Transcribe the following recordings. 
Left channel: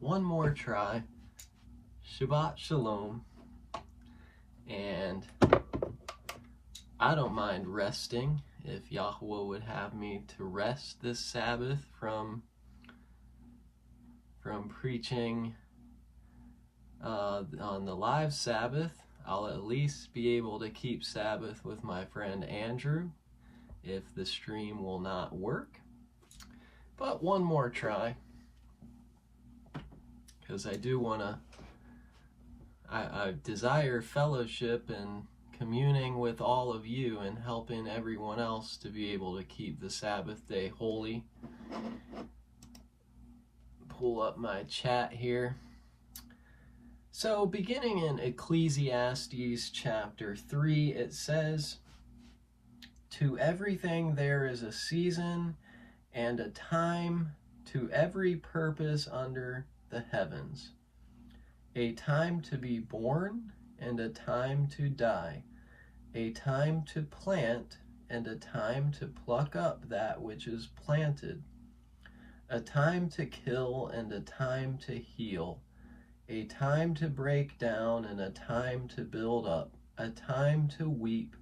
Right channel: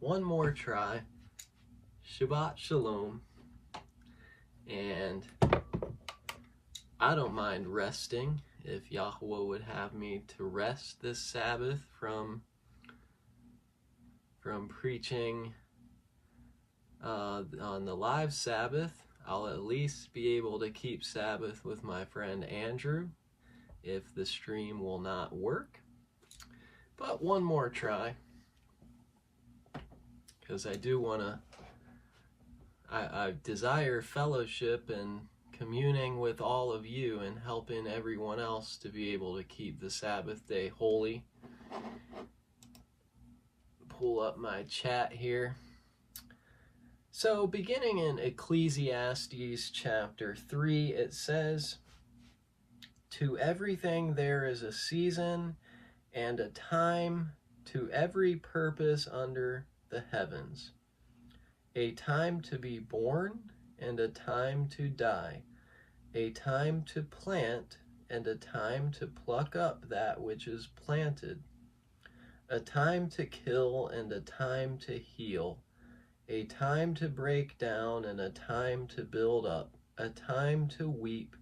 one more try. Shabbat Shalom. And I don't mind resting if Yahweh would have me to rest this Sabbath from preaching on the live Sabbath. I'll at least be able to keep Sabbath with my friend Andrew if the stream will not work. But one more try, because I do want to, I desire fellowship and communing with all of you and helping everyone else to be able to keep the Sabbath day holy. Pull up my chat here. So beginning in Ecclesiastes chapter 3, it says, "To everything there is a season and a time to every purpose under the heavens, a time to be born and a time to die, a time to plant and a time to pluck up that which is planted, a time to kill and a time to heal, a time to break down and a time to build up, a time to weep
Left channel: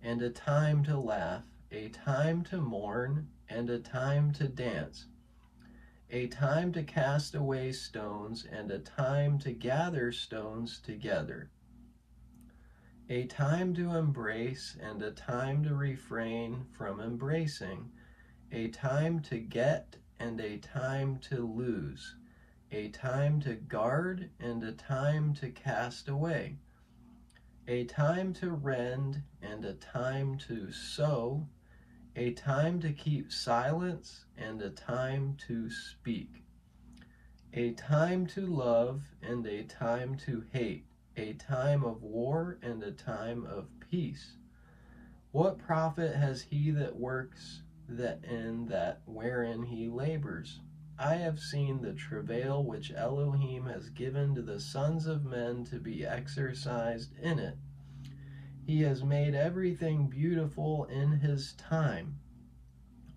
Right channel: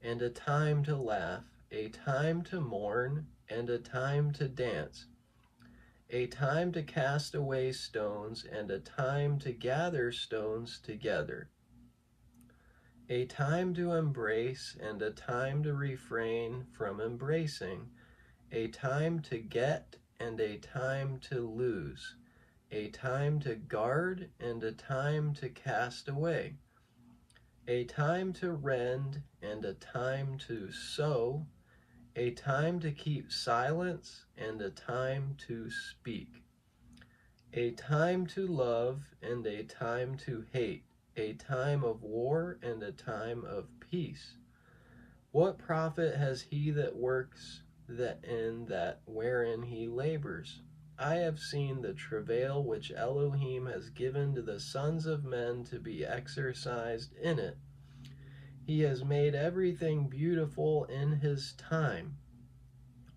and a time to laugh, a time to mourn and a time to dance, a time to cast away stones and a time to gather stones together, a time to embrace and a time to refrain from embracing, a time to get and a time to lose, a time to guard and a time to cast away, a time to rend and a time to sow, a time to keep silence and a time to speak, a time to love and a time to hate, a time of war and a time of peace. What profit has he that works that in that wherein he labors? I have seen the travail which Elohim has given to the sons of men to be exercised in it. He has made everything beautiful in his time.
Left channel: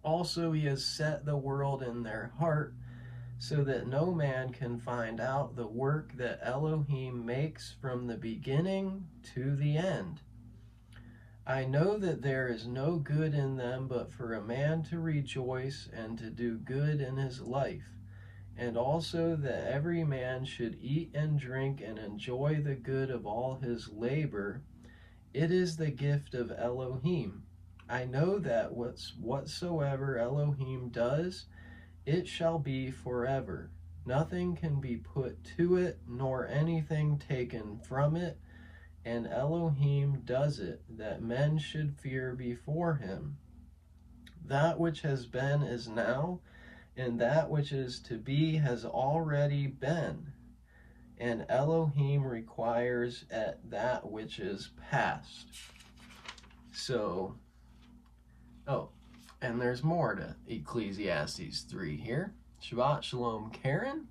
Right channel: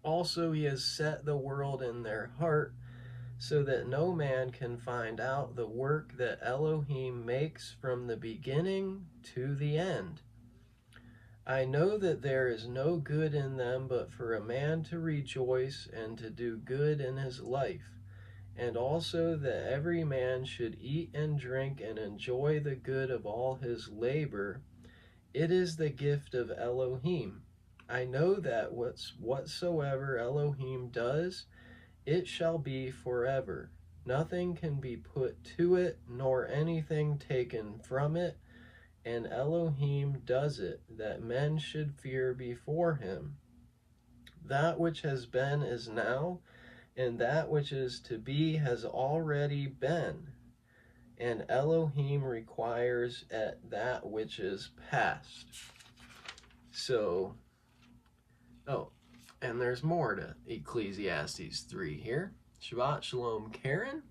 Also he has set the world in their heart, so that no man can find out the work that Elohim makes from the beginning to the end. I know that there is no good in them but for a man to rejoice and to do good in his life, and also that every man should eat and drink and enjoy the good of all his labor. It is the gift of Elohim. I know that whatsoever Elohim does, it shall be forever. Nothing can be put to it, nor anything taken from it, and Elohim does it, that men should fear before him. That which has been is now, and that which is to be has already been, and Elohim requires at that which is past." So, and there's more to Ecclesiastes 3 here. Shabbat Shalom, Karen,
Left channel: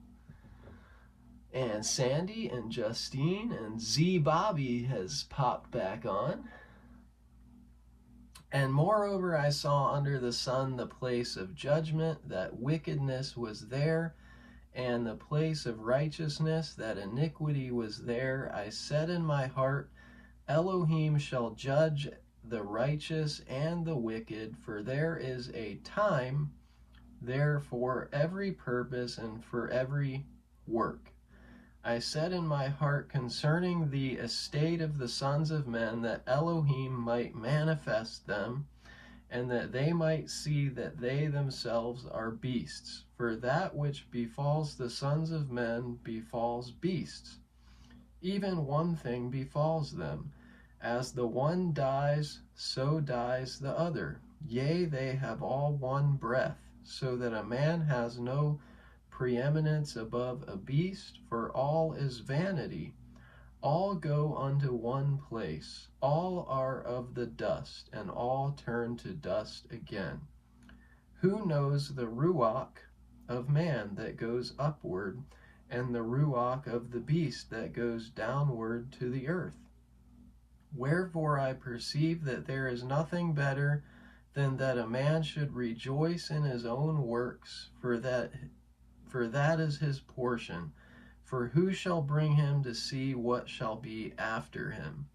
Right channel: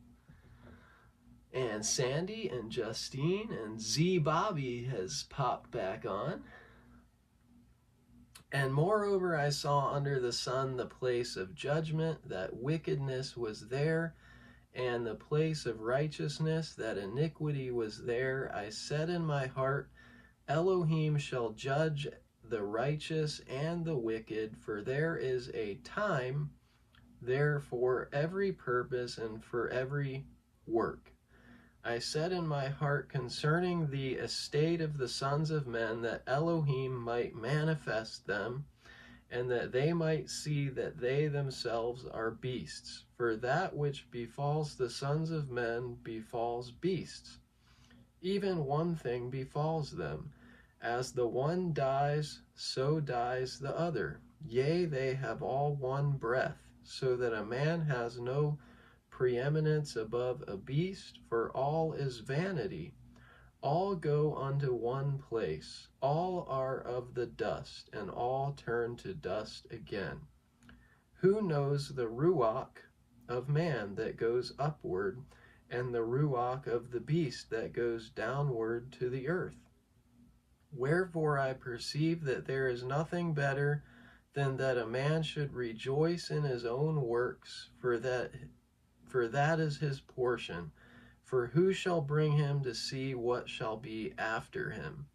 and Sandy, and Justine, and Z Bobby has popped back on. "And moreover I saw under the sun the place of judgment, that wickedness was there, and the place of righteousness, that iniquity was there. I said in my heart, Elohim shall judge the righteous and the wicked, for there is a time there for every purpose and for every work. I said in my heart concerning the estate of the sons of men, that Elohim might manifest them, and that they might see that they themselves are beasts. For that which befalls the sons of men befalls beasts. Even one thing befalls them. As the one dies, so dies the other. Yea, they have all one breath, so that a man has no preeminence above a beast, for all is vanity. All go unto one place. All are of the dust, and all turn to dust again. Who knows the ruach of man that goes upward, and the ruach of the beast that goes downward to the earth? Wherefore I perceive that there is nothing better than that a man should rejoice in his own works, for for that is his portion. For who shall bring him to see what shall be after him?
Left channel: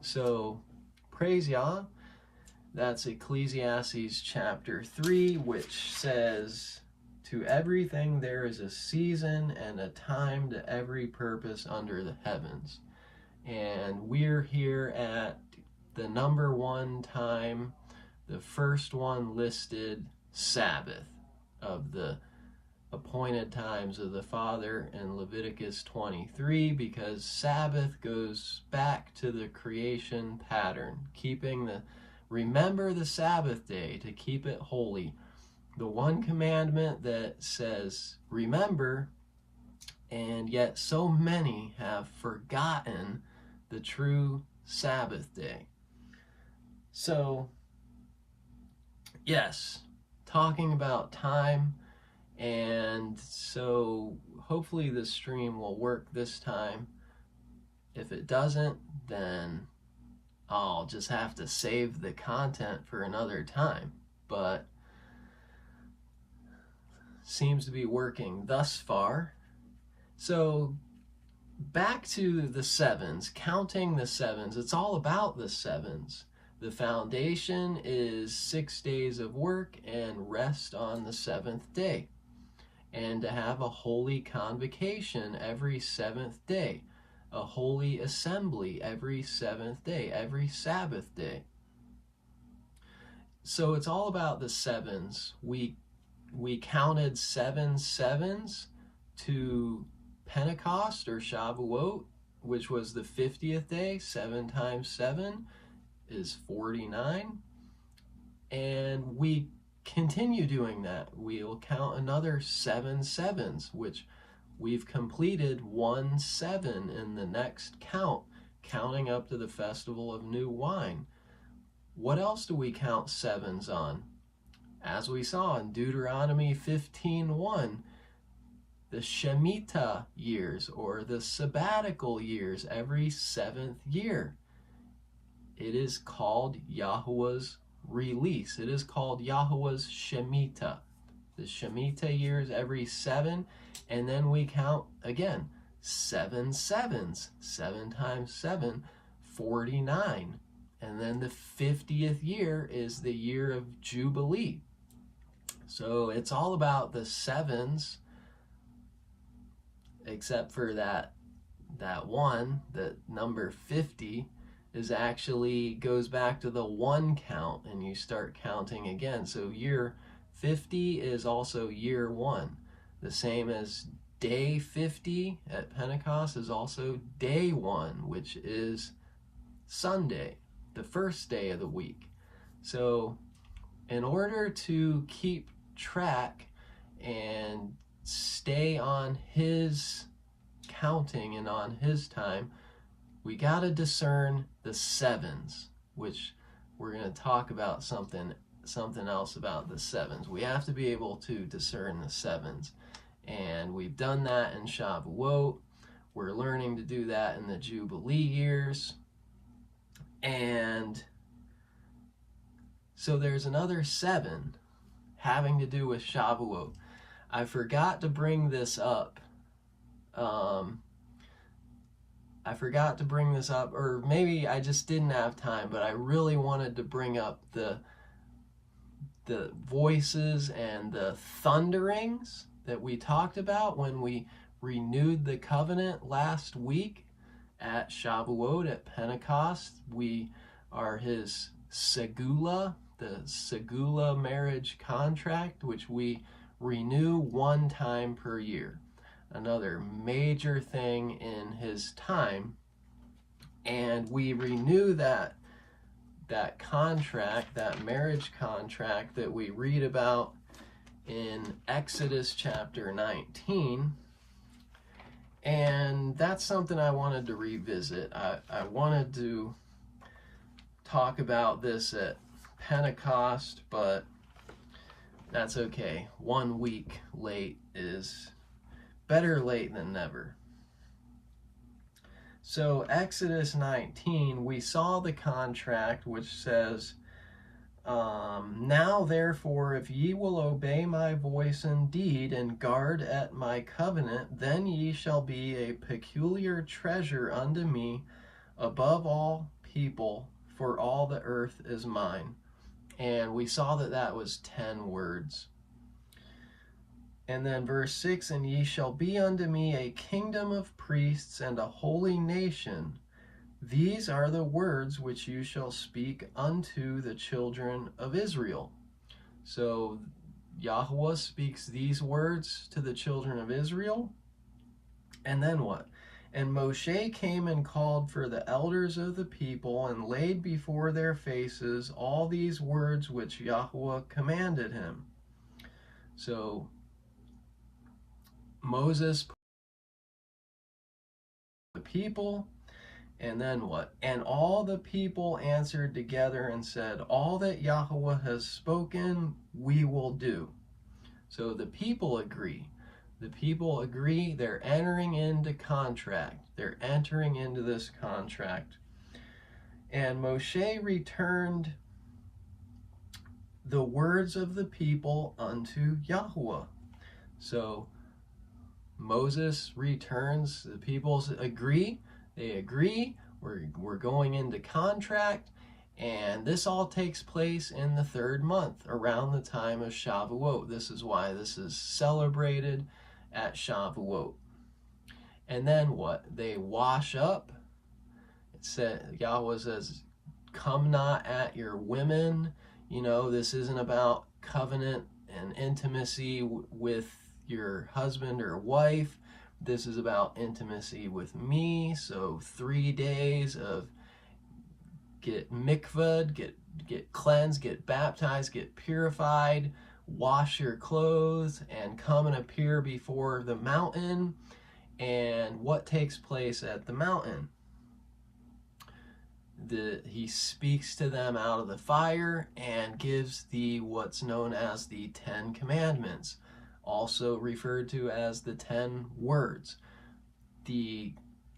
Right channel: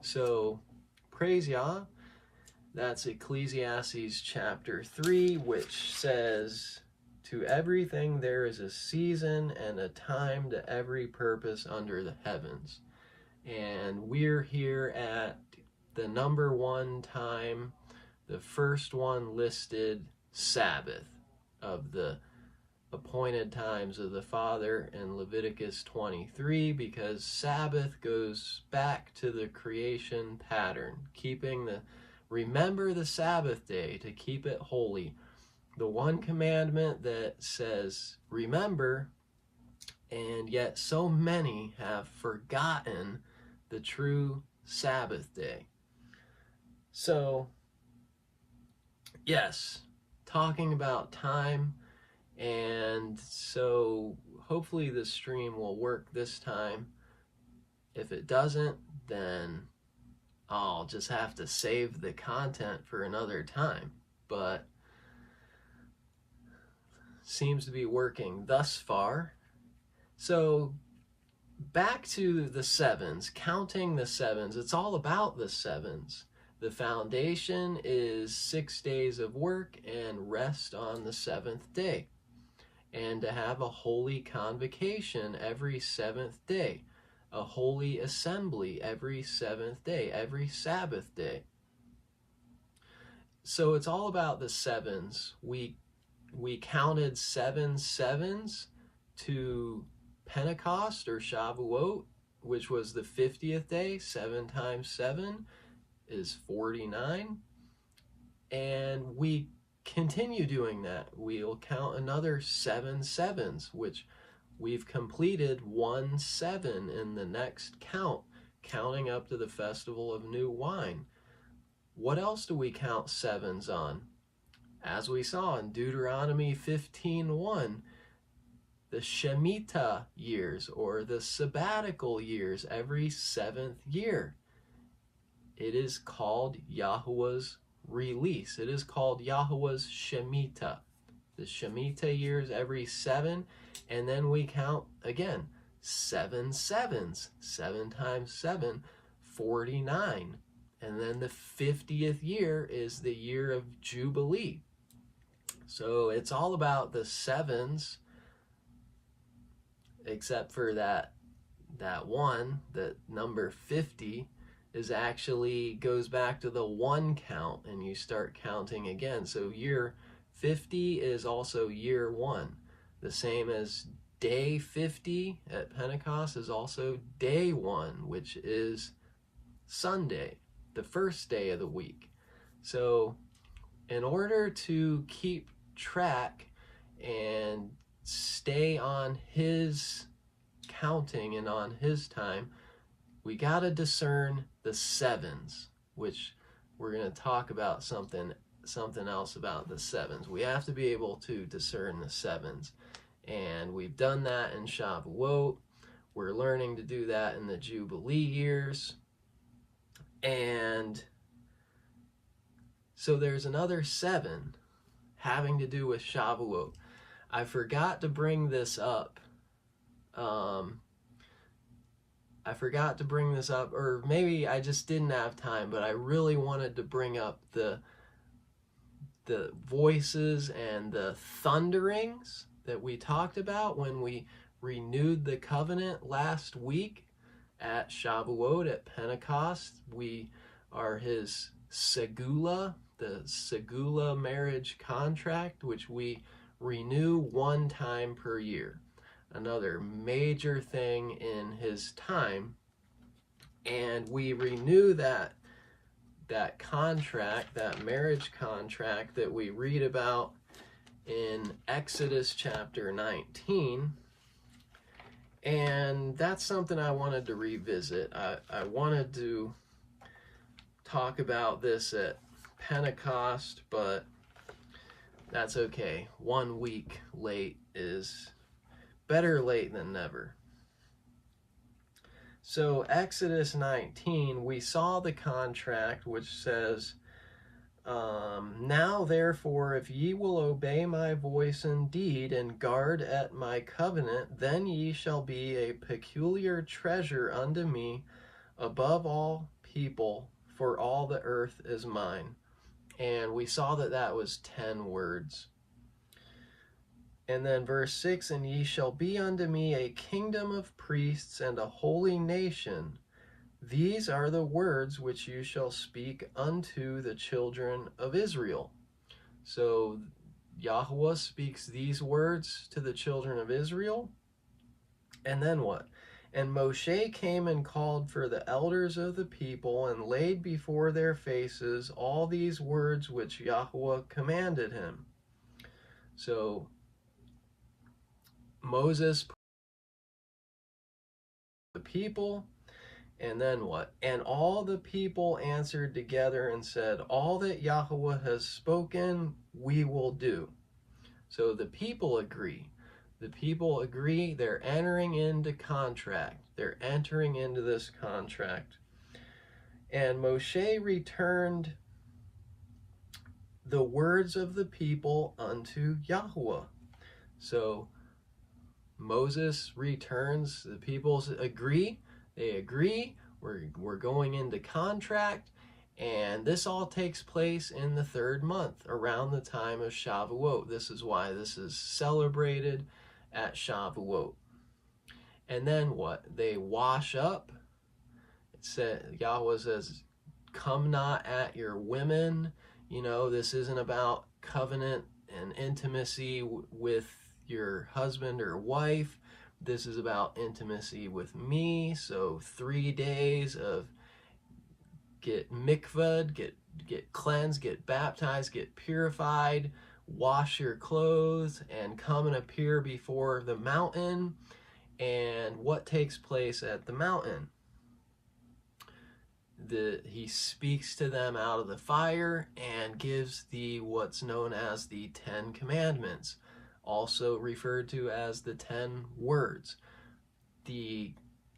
So, praise Yah. That's Ecclesiastes chapter 3, which says, to everything there is a season and a time to every purpose under the heavens. And we're here at the number one time, the first one listed, Sabbath, of the appointed times of the Father in Leviticus 23, because Sabbath goes back to the creation pattern, remember the Sabbath day to keep it holy. The one commandment that says remember, and yet so many have forgotten the true Sabbath day. So, yes, talking about time, and so hopefully this stream will work this time. If it doesn't, then I'll just have to save the content for another time. But seems to be working thus far. So back to the sevens, counting the sevens. It's all about the sevens. The foundation is 6 days of work and rest on the seventh day, and to have a holy convocation every seventh day, a holy assembly every seventh day, every Sabbath day. So it's all about the sevens. We counted 7 sevens to Pentecost or Shavuot, which was the 50th day. 7 times 7 is 49. And we continue doing that. We'll count another 7 sevens, which we've completed 1 7 in the next count, counting up to the Festival of New Wine. What else do we count sevens on? As we saw in Deuteronomy 15:1, the Shemitah years, or the sabbatical years, every 7th year. It is called Yahuwah's release. It is called Yahuwah's Shemitah. The Shemitah years every 7, and then we count again 7 sevens. 7 times 7, 49. And then the 50th year is the year of Jubilee. So it's all about the sevens, except for that one, that number 50 is actually goes back to the 1 count, and you start counting again. So year 50 is also year 1. The same as day 50 at Pentecost is also day 1, which is Sunday, the first day of the week. So in order to keep track and stay on his counting and on his time, we got to discern the sevens, which we're going to talk about something else about the sevens. We have to be able to discern the sevens, and we've done that in Shavuot. We're learning to do that in the Jubilee years. And so there's another 7 having to do with Shavuot. I forgot to bring this up. Or maybe I just didn't have time, but I really wanted to bring up the voices and the thunderings that we talked about when we renewed the covenant last week at Shavuot, at Pentecost. We are his segula, the segula marriage contract, which we renew 1 time per year. Another major thing in his time. And we renew that contract, that marriage contract that we read about in Exodus chapter 19. And that's something I wanted to revisit. I wanted to talk about this at Pentecost, but that's okay. 1 week late is better late than never. So Exodus 19, we saw the contract, which says, Now therefore, if ye will obey my voice indeed, and guard at my covenant, then ye shall be a peculiar treasure unto me above all people, for all the earth is mine. And we saw that that was 10 words. And then verse 6, and ye shall be unto me a kingdom of priests and a holy nation. These are the words which you shall speak unto the children of Israel. So Yahweh speaks these words to the children of Israel. And then what? And Moshe came and called for the elders of the people, and laid before their faces all these words which Yahweh commanded him. So Moses put the people, and then what? And all the people answered together and said, all that Yahweh has spoken, we will do. So the people agree. The people agree. They're entering into contract. They're entering into this contract. And Moshe returned the words of the people unto Yahweh. So Moses returns. The people agree. They agree. We're going into contract. And this all takes place in the 3rd month, around the time of Shavuot. This is why this is celebrated at Shavuot. And then what? They wash up. It said, Yahweh says, come not at your women. You know, this isn't about covenant and intimacy with your husband or wife. This is about intimacy with me. So 3 days of get mikvahed, get cleansed, get baptized, get purified, wash your clothes, and come and appear before the mountain. And what takes place at the mountain? He speaks to them out of the fire and gives what's known as the 10 Commandments, also referred to as the 10 words. The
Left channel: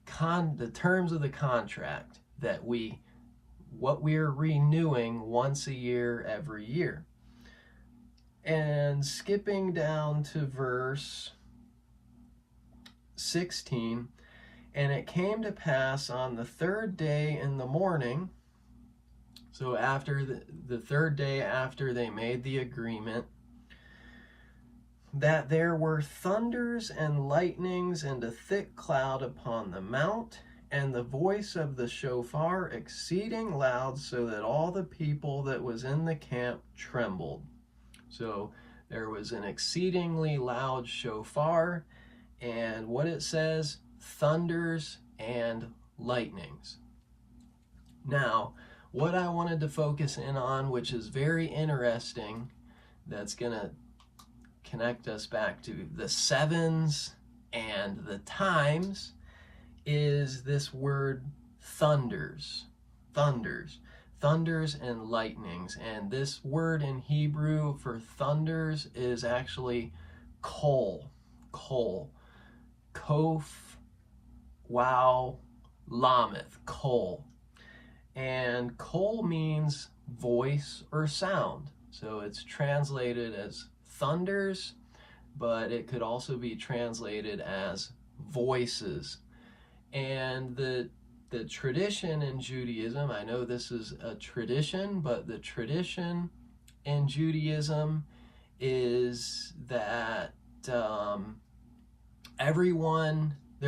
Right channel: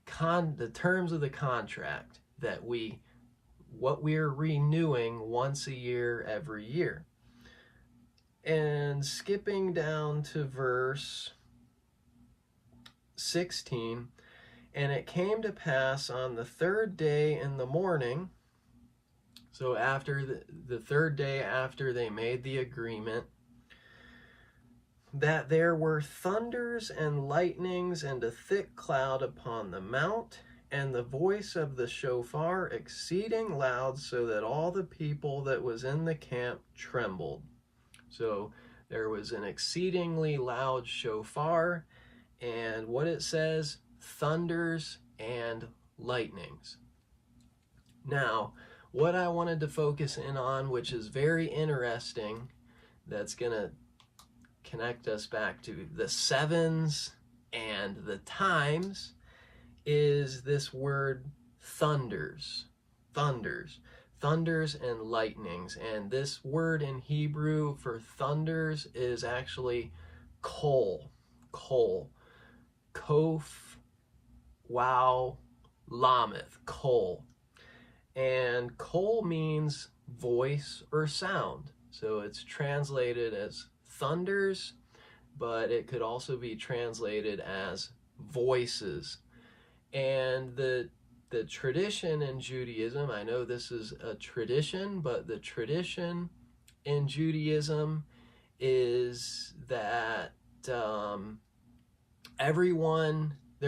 terms of the contract that what we're renewing once a year, every year. And skipping down to verse 16, and it came to pass on the 3rd day in the morning, so after the 3rd day after they made the agreement, that there were thunders and lightnings and a thick cloud upon the mount, and the voice of the shofar exceeding loud, so that all the people that was in the camp trembled. So there was an exceedingly loud shofar, and what it says, thunders and lightnings. Now, what I wanted to focus in on, which is very interesting, that's going to connect us back to the sevens and the times, is this word thunders and lightnings. And this word in Hebrew for thunders is actually kol, kof, wow, lameth, kol. And kol means voice or sound. So it's translated as thunders, but it could also be translated as voices. And the tradition in Judaism, I know this is a tradition, but the tradition in Judaism is that there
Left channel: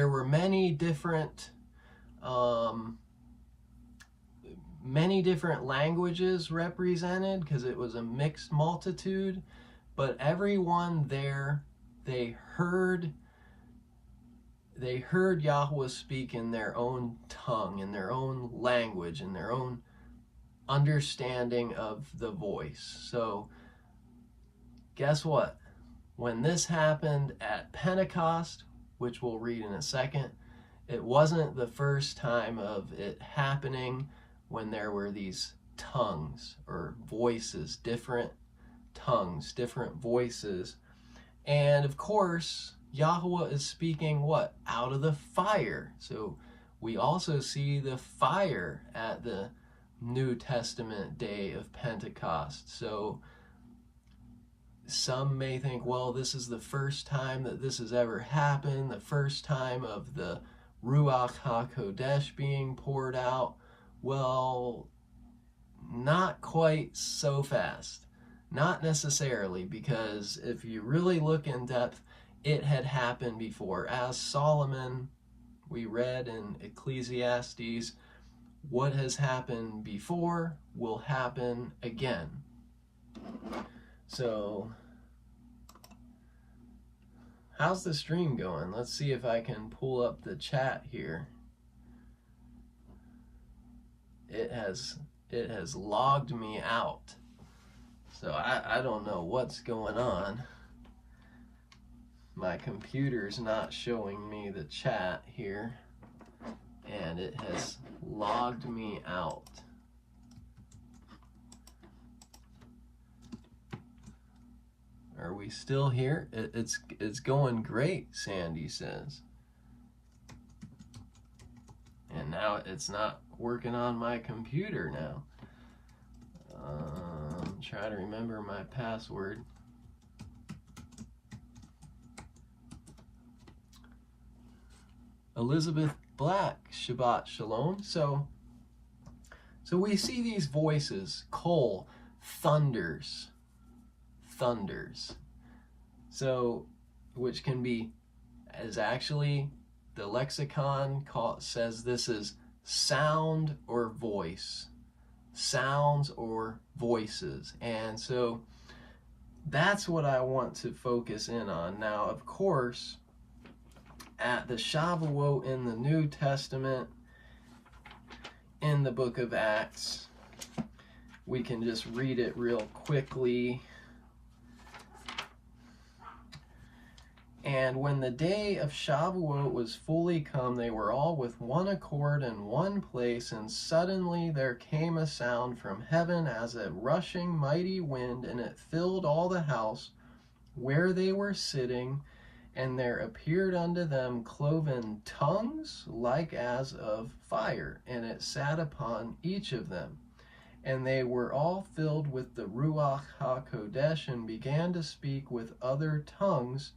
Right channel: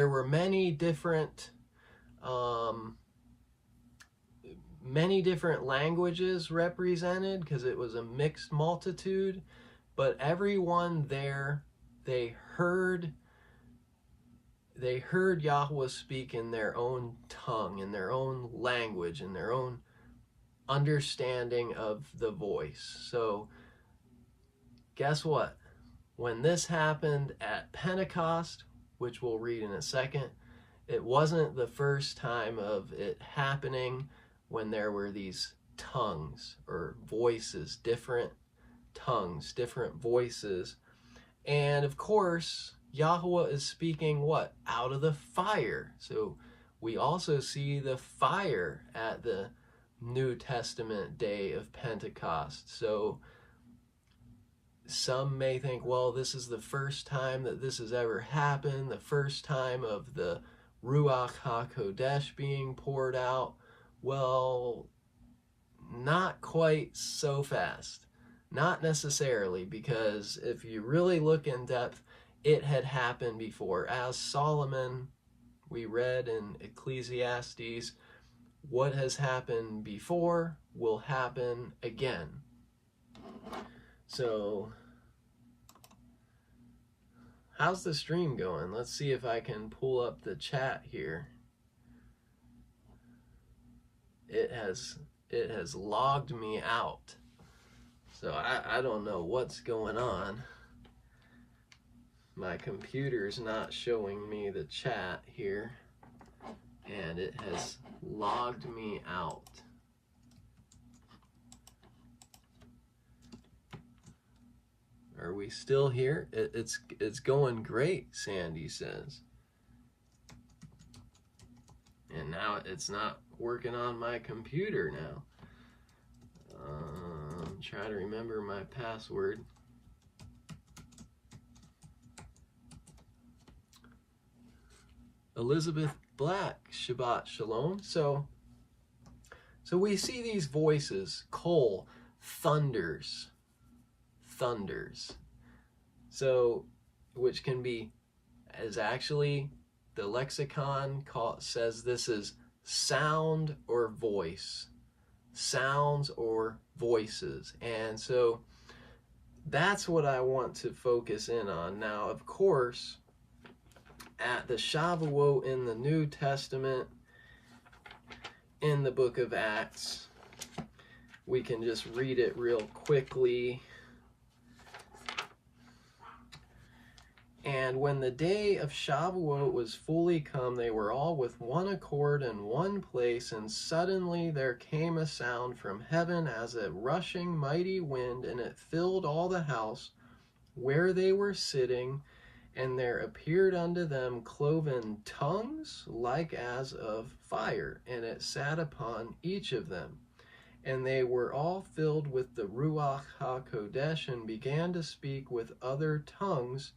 were many different languages represented, because it was a mixed multitude, but everyone there, they heard Yahweh speak in their own tongue, in their own language, in their own understanding of the voice. So guess what? When this happened at Pentecost, which we'll read in a second, it wasn't the first time of it happening when there were these tongues or voices, different tongues, different voices. And of course, Yahweh is speaking what? Out of the fire. So we also see the fire at the New Testament day of Pentecost. So some may think, well, this is the first time that this has ever happened, the first time of the Ruach HaKodesh being poured out. Well, not quite so fast. Not necessarily, because if you really look in depth, it had happened before. As Solomon, we read in Ecclesiastes, what has happened before will happen again. So, how's the stream going? Let's see if I can pull up the chat here. It has logged me out. So I don't know what's going on. My computer's not showing me the chat here, and it has logged me out. Are we still here? It's going great, Sandy says. And now it's not working on my computer now. Try to remember my password. Elizabeth Black, Shabbat Shalom. So we see these voices, Kol, thunders. So, which can be, as actually the lexicon says this is sound or voice. Sounds or voices. And so that's what I want to focus in on. Now, of course, at the Shavuot in the New Testament, in the book of Acts, we can just read it real quickly. And when the day of Shavuot was fully come, they were all with one accord in one place, and suddenly there came a sound from heaven as a rushing mighty wind, and it filled all the house where they were sitting, and there appeared unto them cloven tongues like as of fire, and it sat upon each of them. And they were all filled with the Ruach HaKodesh, and began to speak with other tongues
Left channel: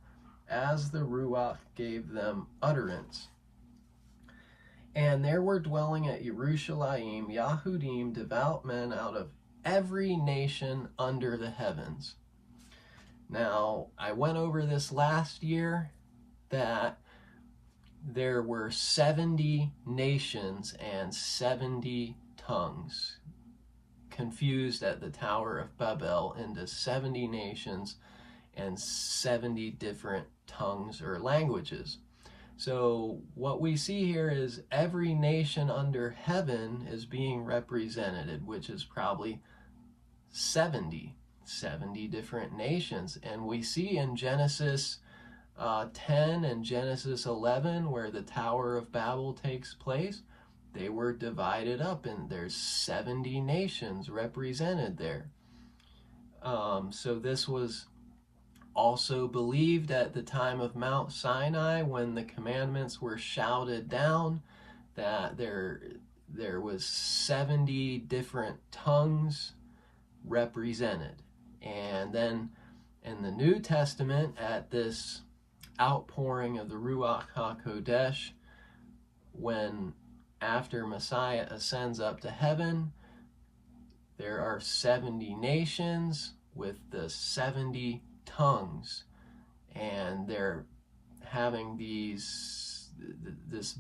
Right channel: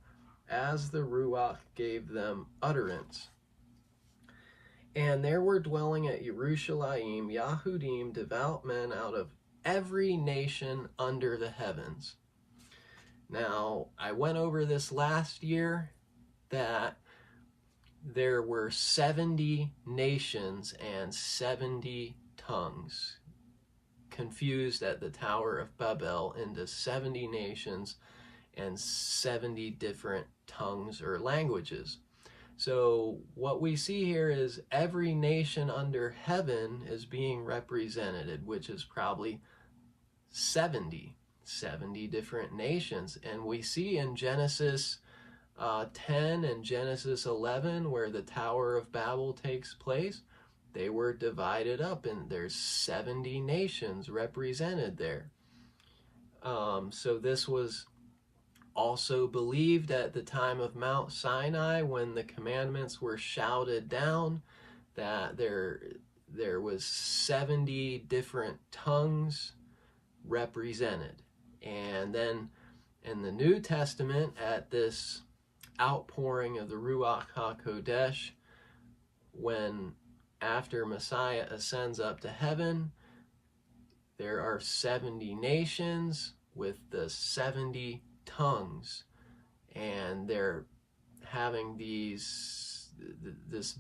as the Ruach gave them utterance. And there were dwelling at Jerusalem Yahudim, devout men out of every nation under the heavens. Now, I went over this last year, that there were 70 nations and 70 tongues, confused at the Tower of Babel into 70 nations and 70 different tongues or languages. So what we see here is every nation under heaven is being represented, which is probably 70 different nations. And we see in Genesis 10 and Genesis 11, where the Tower of Babel takes place, they were divided up, and there's 70 nations represented there. So this was also believed at the time of Mount Sinai, when the commandments were shouted down, that there was 70 different tongues represented. And then in the New Testament, at this outpouring of the Ruach HaKodesh, when after Messiah ascends up to heaven, there are 70 nations with the 70 tongues, and they're having this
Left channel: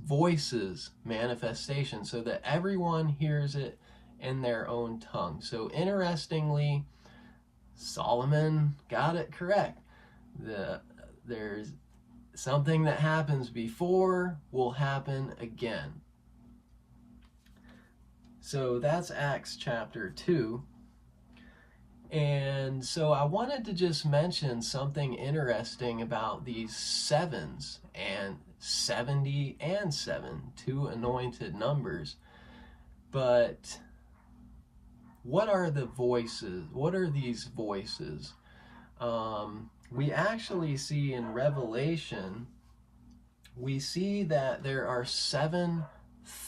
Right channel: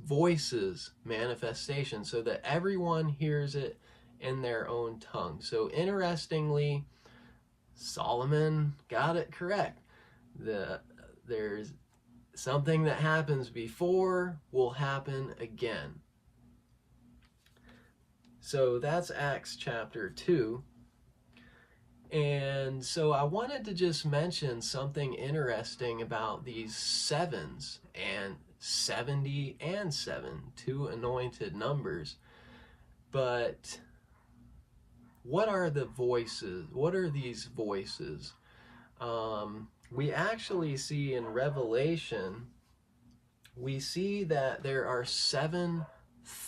voices manifestation, so that everyone hears it in their own tongue. So interestingly, Solomon got it correct. There's something that happens before will happen again. So that's Acts chapter 2. And so I wanted to just mention something interesting about these sevens, and 70 and 7, two anointed numbers. But what are the voices? What are these voices? We actually see in Revelation, we see that there are 7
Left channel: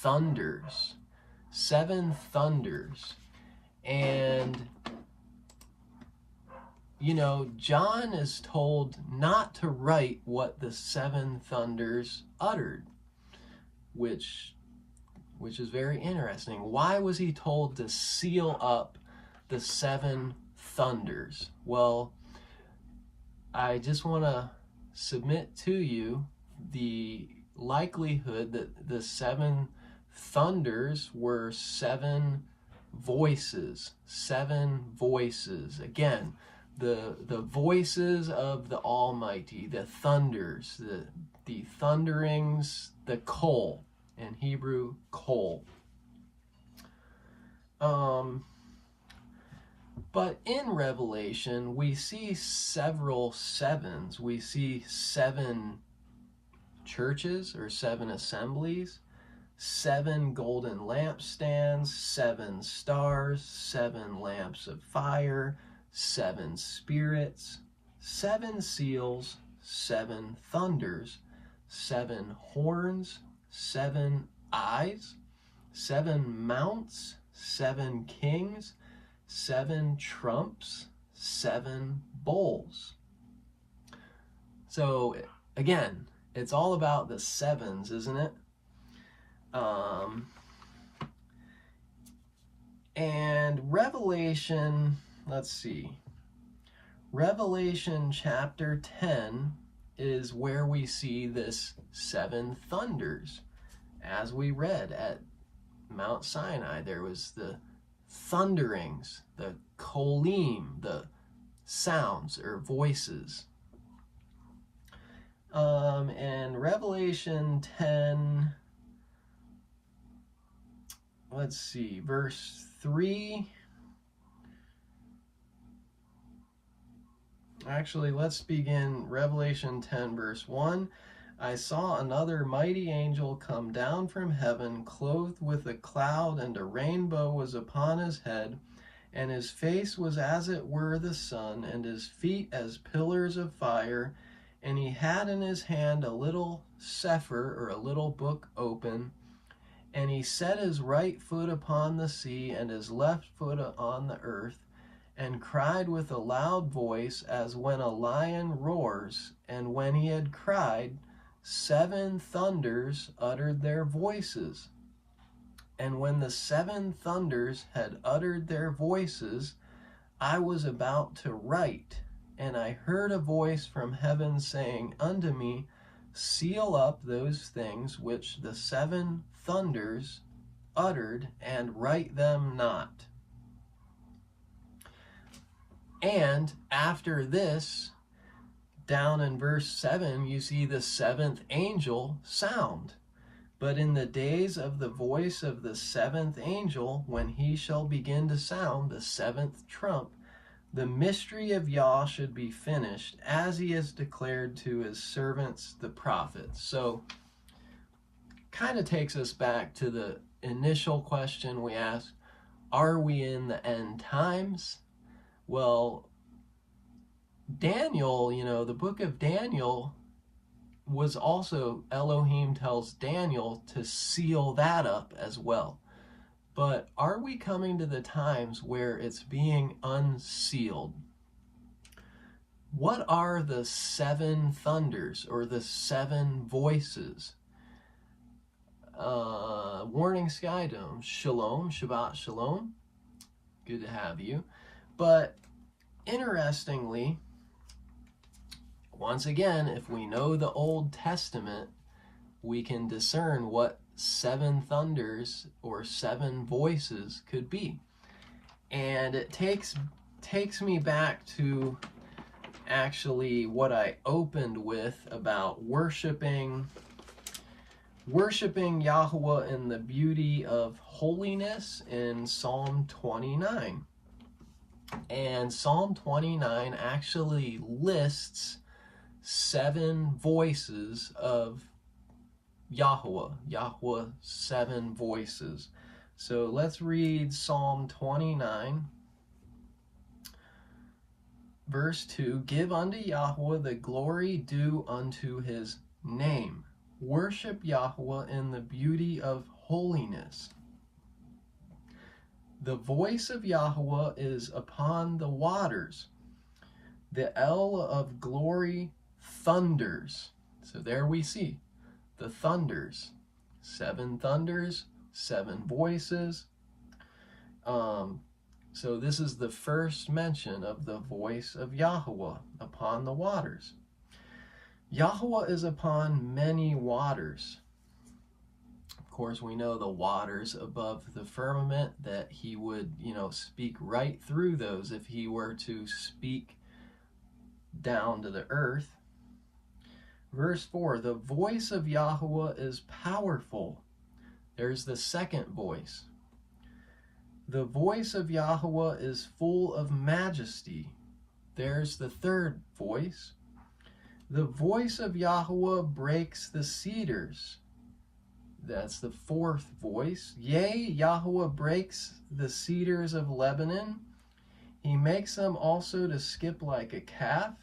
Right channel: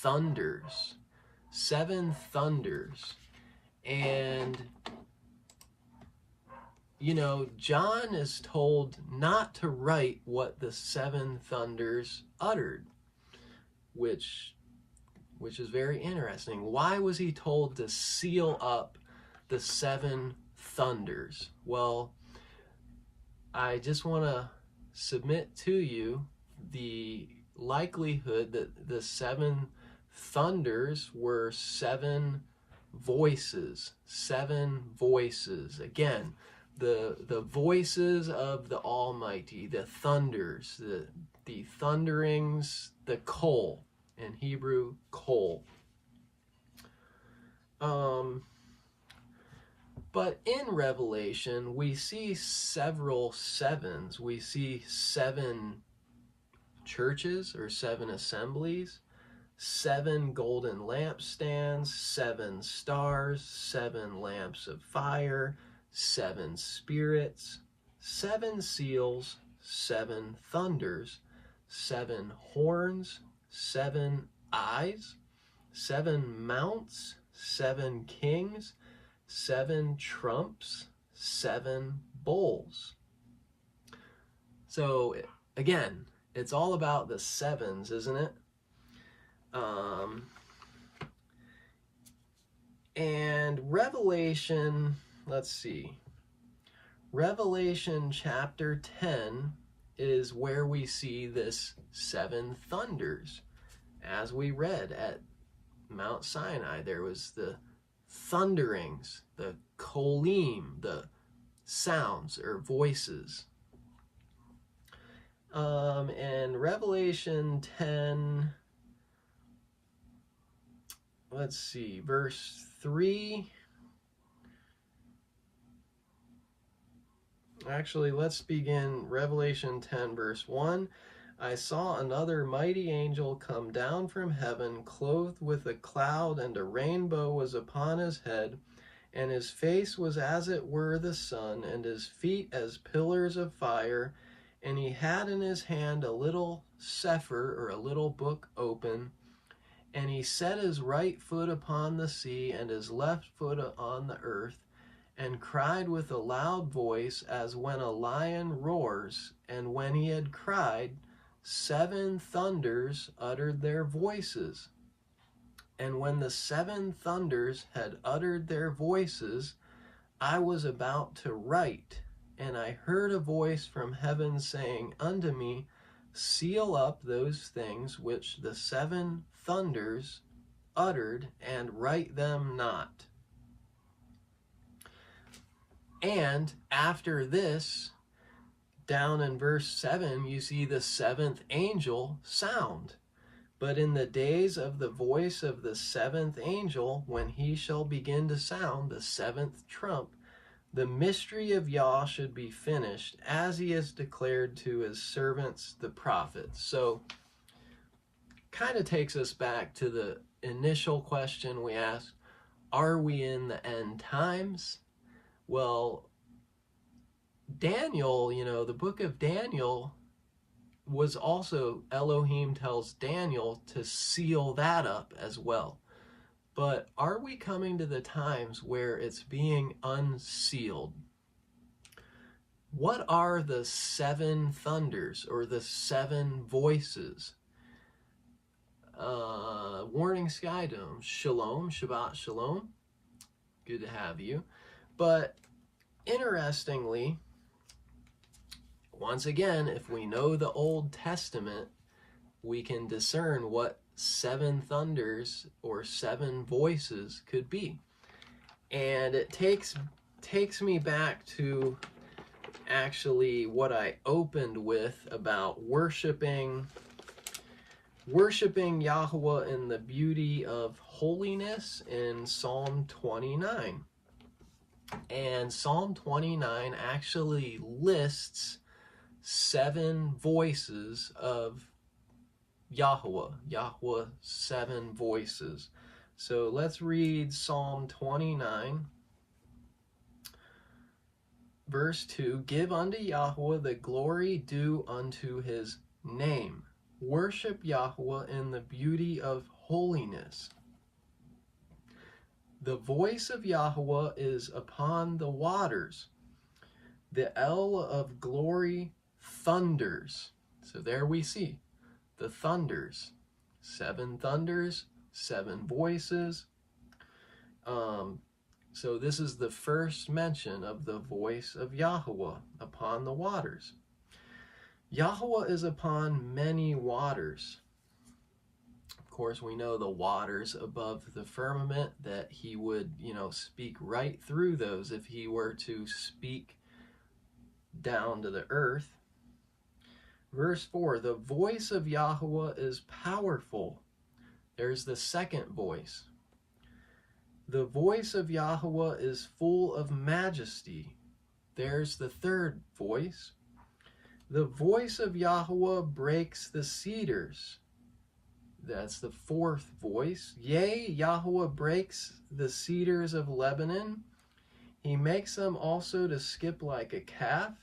thunders. 7 thunders. And, you know, John is told not to write what the 7 thunders uttered, which is very interesting. Why was he told to seal up the 7 thunders? Well, I just want to submit to you the likelihood that the 7 thunders were 7 voices. 7 voices. Again, the voices of the Almighty, the thunders, the thunderings, the kol, in Hebrew, kol. But in Revelation, we see several 7s. We see 7 churches or 7 assemblies, 7 golden lampstands, 7 stars, 7 lamps of fire, 7 spirits, 7 seals, 7 thunders, 7 horns, 7 eyes, 7 mounts, 7 kings, 7 trumps, 7 bowls. So again, it's all about the 7s, isn't it? And Revelation, let's see. Revelation chapter 10 is where we see this 7 thunders. As we read at Mount Sinai, there was the thunderings, the kolim, the sounds or voices. And Revelation 10, let's see, verse 3. Actually, let's begin Revelation 10, verse 1. I saw another mighty angel come down from heaven, clothed with a cloud, and a rainbow was upon his head, and his face was as it were the sun, and his feet as pillars of fire, and he had in his hand a little sefer, or a little book open, and he set his right foot upon the sea, and his left foot on the earth, and cried with a loud voice, as when a lion roars. And when he had cried, 7 thunders uttered their voices. And when the 7 thunders had uttered their voices, I was about to write, and I heard a voice from heaven saying unto me, seal up those things which the 7 thunders uttered, and write them not. And after this, down in verse 7, you see the 7th angel sound. But in the days of the voice of the 7th angel, when he shall begin to sound the 7th trump, the mystery of Yah should be finished, as he has declared to his servants the prophets. So, kind of takes us back to the initial question we asked, are we in the end times? Well, Daniel, you know, the book of Daniel was also, Elohim tells Daniel to seal that up as well. But are we coming to the times where it's being unsealed? What are the 7 thunders or the 7 voices? Warning Sky Dome, Shalom, Shabbat Shalom. Good to have you. But interestingly, once again, if we know the Old Testament, we can discern what 7 thunders or 7 voices could be. And it takes me back to actually what I opened with about worshiping Yahweh in the beauty of holiness in Psalm 29. And Psalm 29 actually lists 7 voices of Yahweh, 7 voices. So let's read Psalm 29, verse 2. Give unto Yahweh the glory due unto his name. Worship Yahweh in the beauty of holiness. The voice of Yahweh is upon the waters. The El of glory thunders. So there we see the thunders. 7 thunders, 7 voices. So this is the first mention of the voice of Yahweh upon the waters. Yahweh is upon many waters. Of course, we know the waters above the firmament, that he would, speak right through those if he were to speak down to the earth. Verse 4, the voice of Yahweh is powerful. There's the second voice. The voice of Yahweh is full of majesty. There's the third voice. The voice of Yahweh breaks the cedars. That's the fourth voice. Yea, Yahweh breaks the cedars of Lebanon. He makes them also to skip like a calf,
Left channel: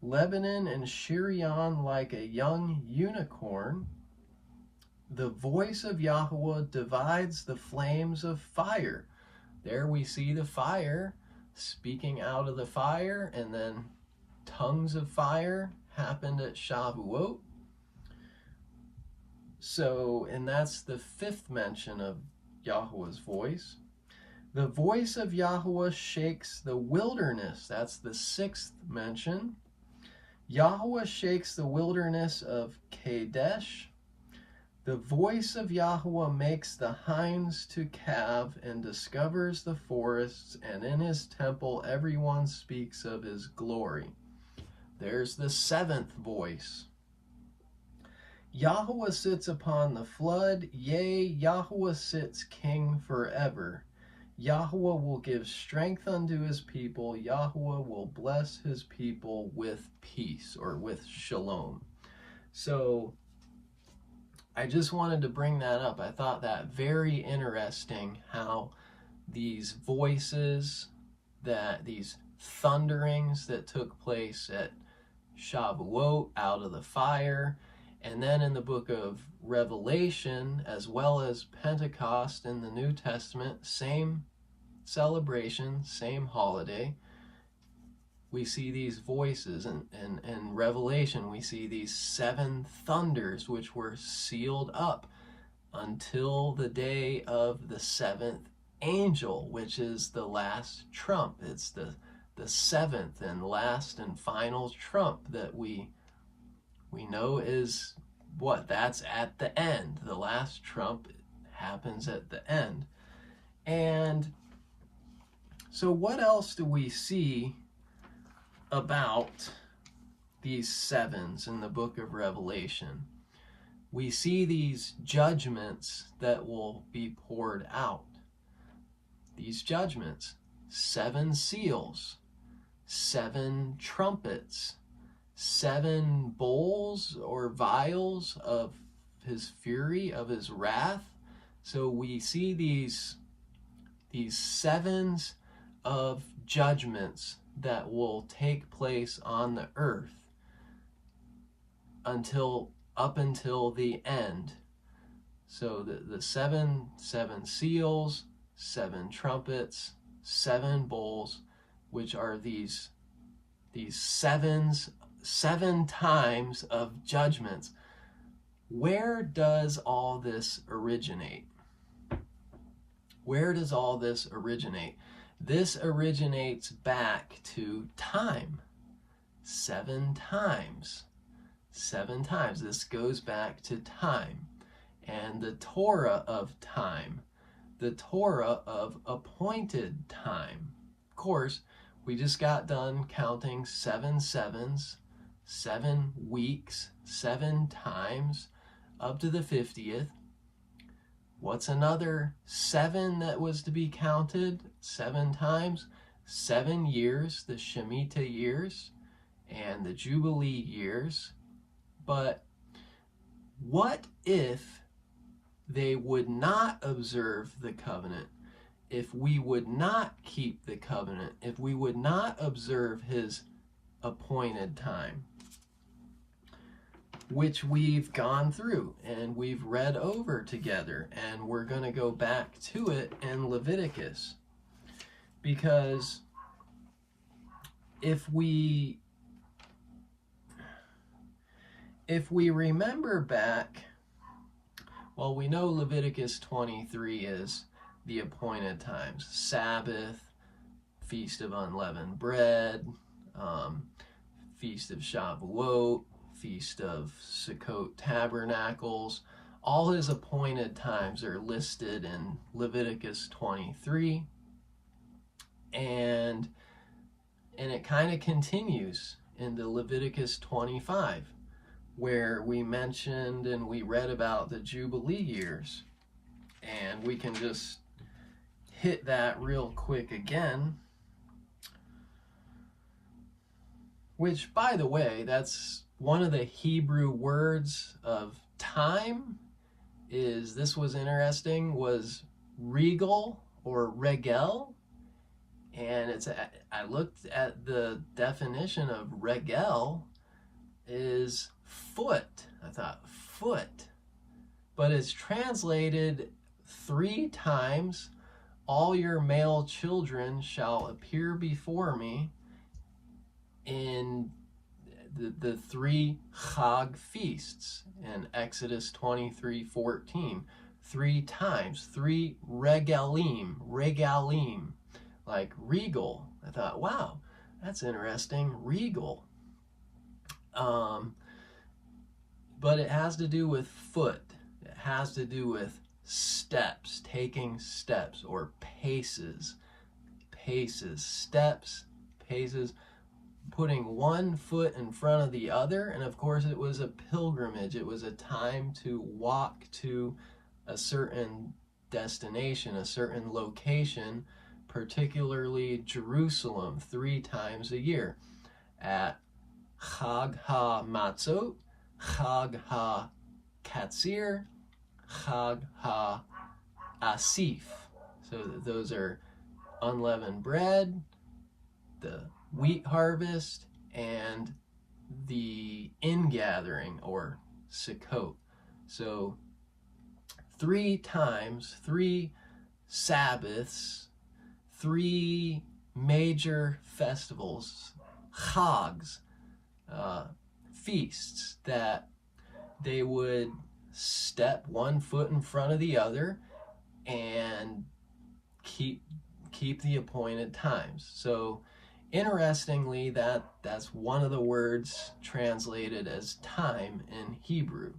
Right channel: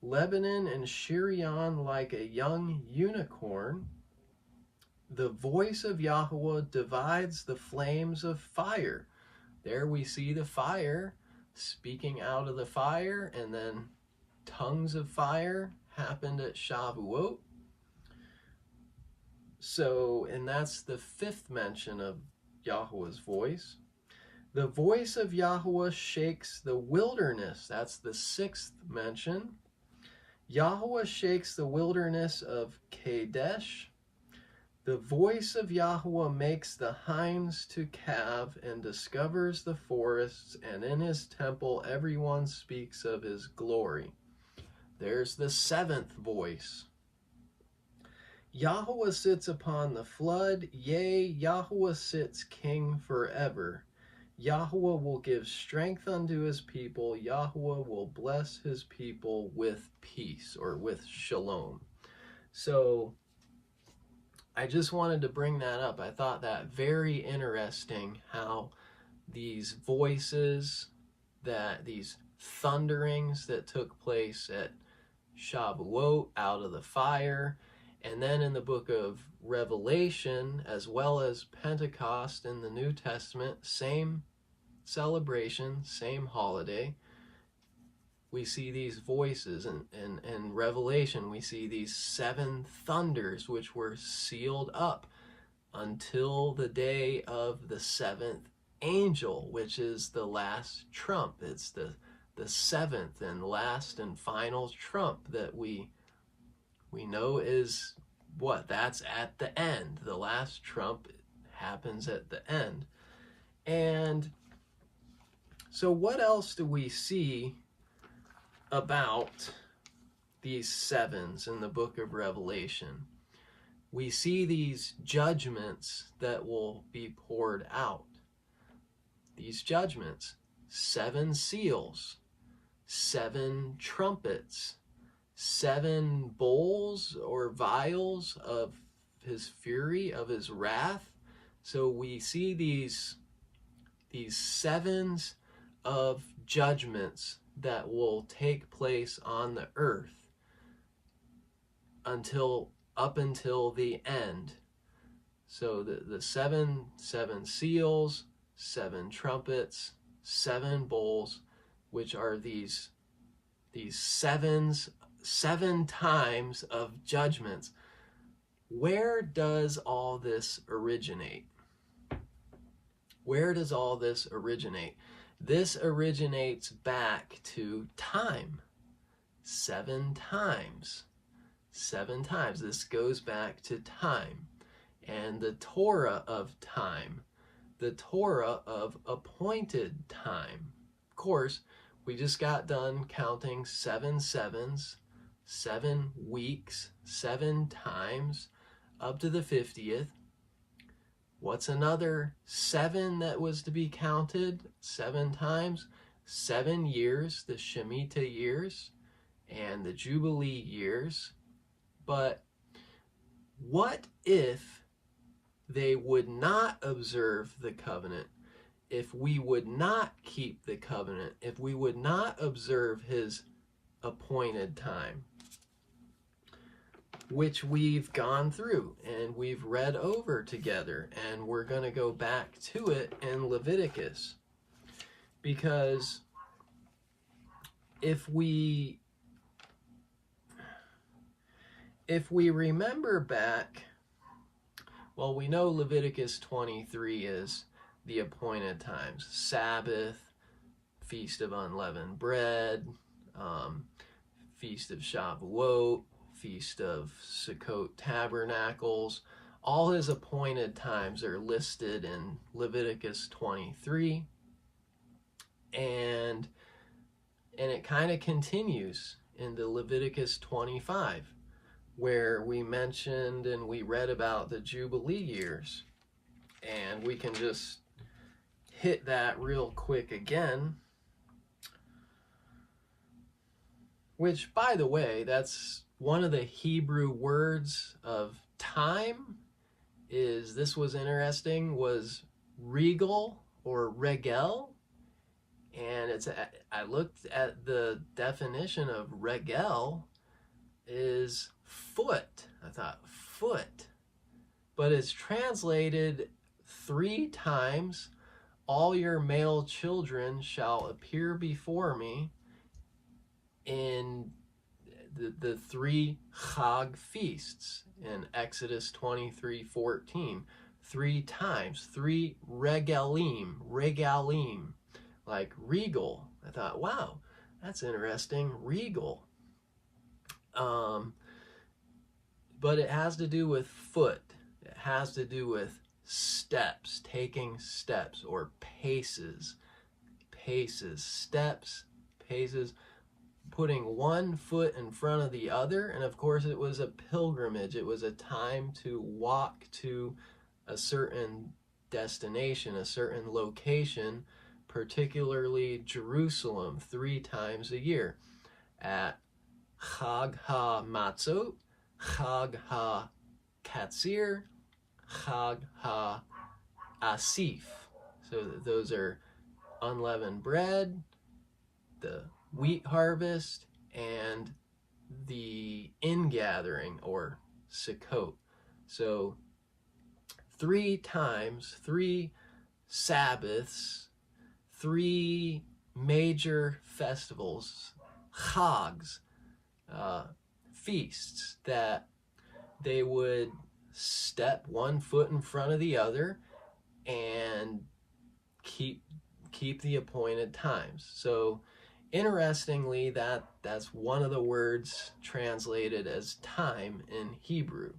Lebanon and Shirion like a young unicorn. The voice of Yahweh divides the flames of fire. There we see the fire speaking out of the fire, and then tongues of fire happened at Shavuot. So, and that's the 5th mention of Yahweh's voice. The voice of Yahweh shakes the wilderness. That's the 6th mention. Yahweh shakes the wilderness of Kadesh. The voice of Yahweh makes the hinds to calve and discovers the forests, and in his temple everyone speaks of his glory. There's the 7th voice. Yahweh sits upon the flood, yea, Yahweh sits king forever. Yahweh will give strength unto his people. Yahweh will bless his people with peace, or with shalom. So I just wanted to bring that up. I thought that very interesting, how these voices, these thunderings that took place at Shavuot out of the fire, and then in the book of Revelation, as well as Pentecost in the New Testament, same celebration, same holiday, we see these voices. In Revelation, we see these 7 thunders which were sealed up until the day of the 7th angel, which is the last trump. It's the 7th and last and final trump that we know is what? That's at the end. The last trump happens at the end. And so what else do we see about these 7s in the book of Revelation? We see these judgments that will be poured out. These judgments, 7 seals, 7 trumpets, 7 bowls or vials of his fury, of his wrath. So we see these 7s of judgments that will take place on the earth up until the end. So the 7 seals, 7 trumpets, 7 bowls, which are these 7 times of judgments. Where does all this originate? Where does all this originate? This originates back to time. 7 times. 7 times. This goes back to time. And the Torah of time. The Torah of appointed time. Of course, we just got done counting 7 sevens, 7 weeks, 7 times, up to the 50th. What's another 7 that was to be counted 7 times? 7 years, the Shemitah years and the Jubilee years. But what if they would not observe the covenant? If we would not keep the covenant, if we would not observe his appointed time? which we've gone through and we've read over together, and we're going to go back to it in Leviticus. Because if we remember back, well, we know Leviticus 23 is the appointed times: Sabbath, Feast of Unleavened Bread, Feast of Shavuot, Feast of Sukkot Tabernacles. All his appointed times are listed in Leviticus 23. And it kind of continues into Leviticus 25, where we mentioned and we read about the Jubilee years. And we can just hit that real quick again. Which, by the way, that's one of the Hebrew words of time. This was interesting, was regal or regel. And I looked at the definition of regel is foot. I thought foot. But it's translated 3 times: all your male children shall appear before me in the 3 Chag feasts in Exodus 23:14. 3 times, 3 regalim, like regal. I thought, wow, that's interesting, regal. But it has to do with foot. It has to do with steps, taking steps, or paces, steps, paces, putting one foot in front of the other. And of course, it was a pilgrimage. It was a time to walk to a certain destination, a certain location, particularly Jerusalem, 3 times a year: at Chag HaMatzot, Chag HaKatzir, Chag HaAsif. So those are unleavened bread, the wheat harvest, and the ingathering, or Sukkot. So 3 times, 3 Sabbaths, 3 major festivals, chags, feasts, that they would step one foot in front of the other and keep the appointed times. So interestingly, that's one of the words translated as time in Hebrew,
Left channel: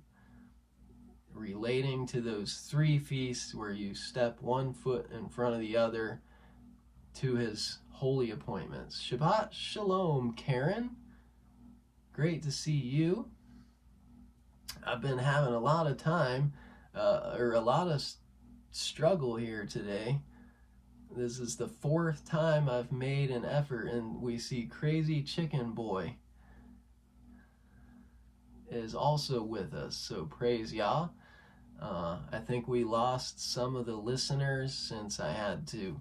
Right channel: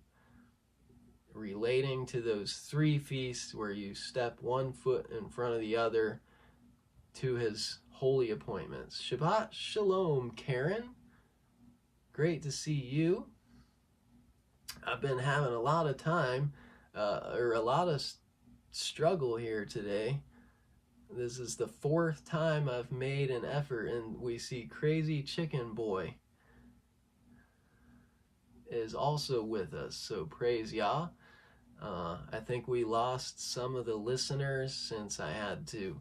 relating to those 3 feasts where you step one foot in front of the other to his holy appointments. Shabbat Shalom, Karen. Great to see you. I've been having a lot of time, or a lot of struggle here today. This is the 4th time I've made an effort, and we see Crazy Chicken Boy is also with us, so praise Yah. I think we lost some of the listeners since I had to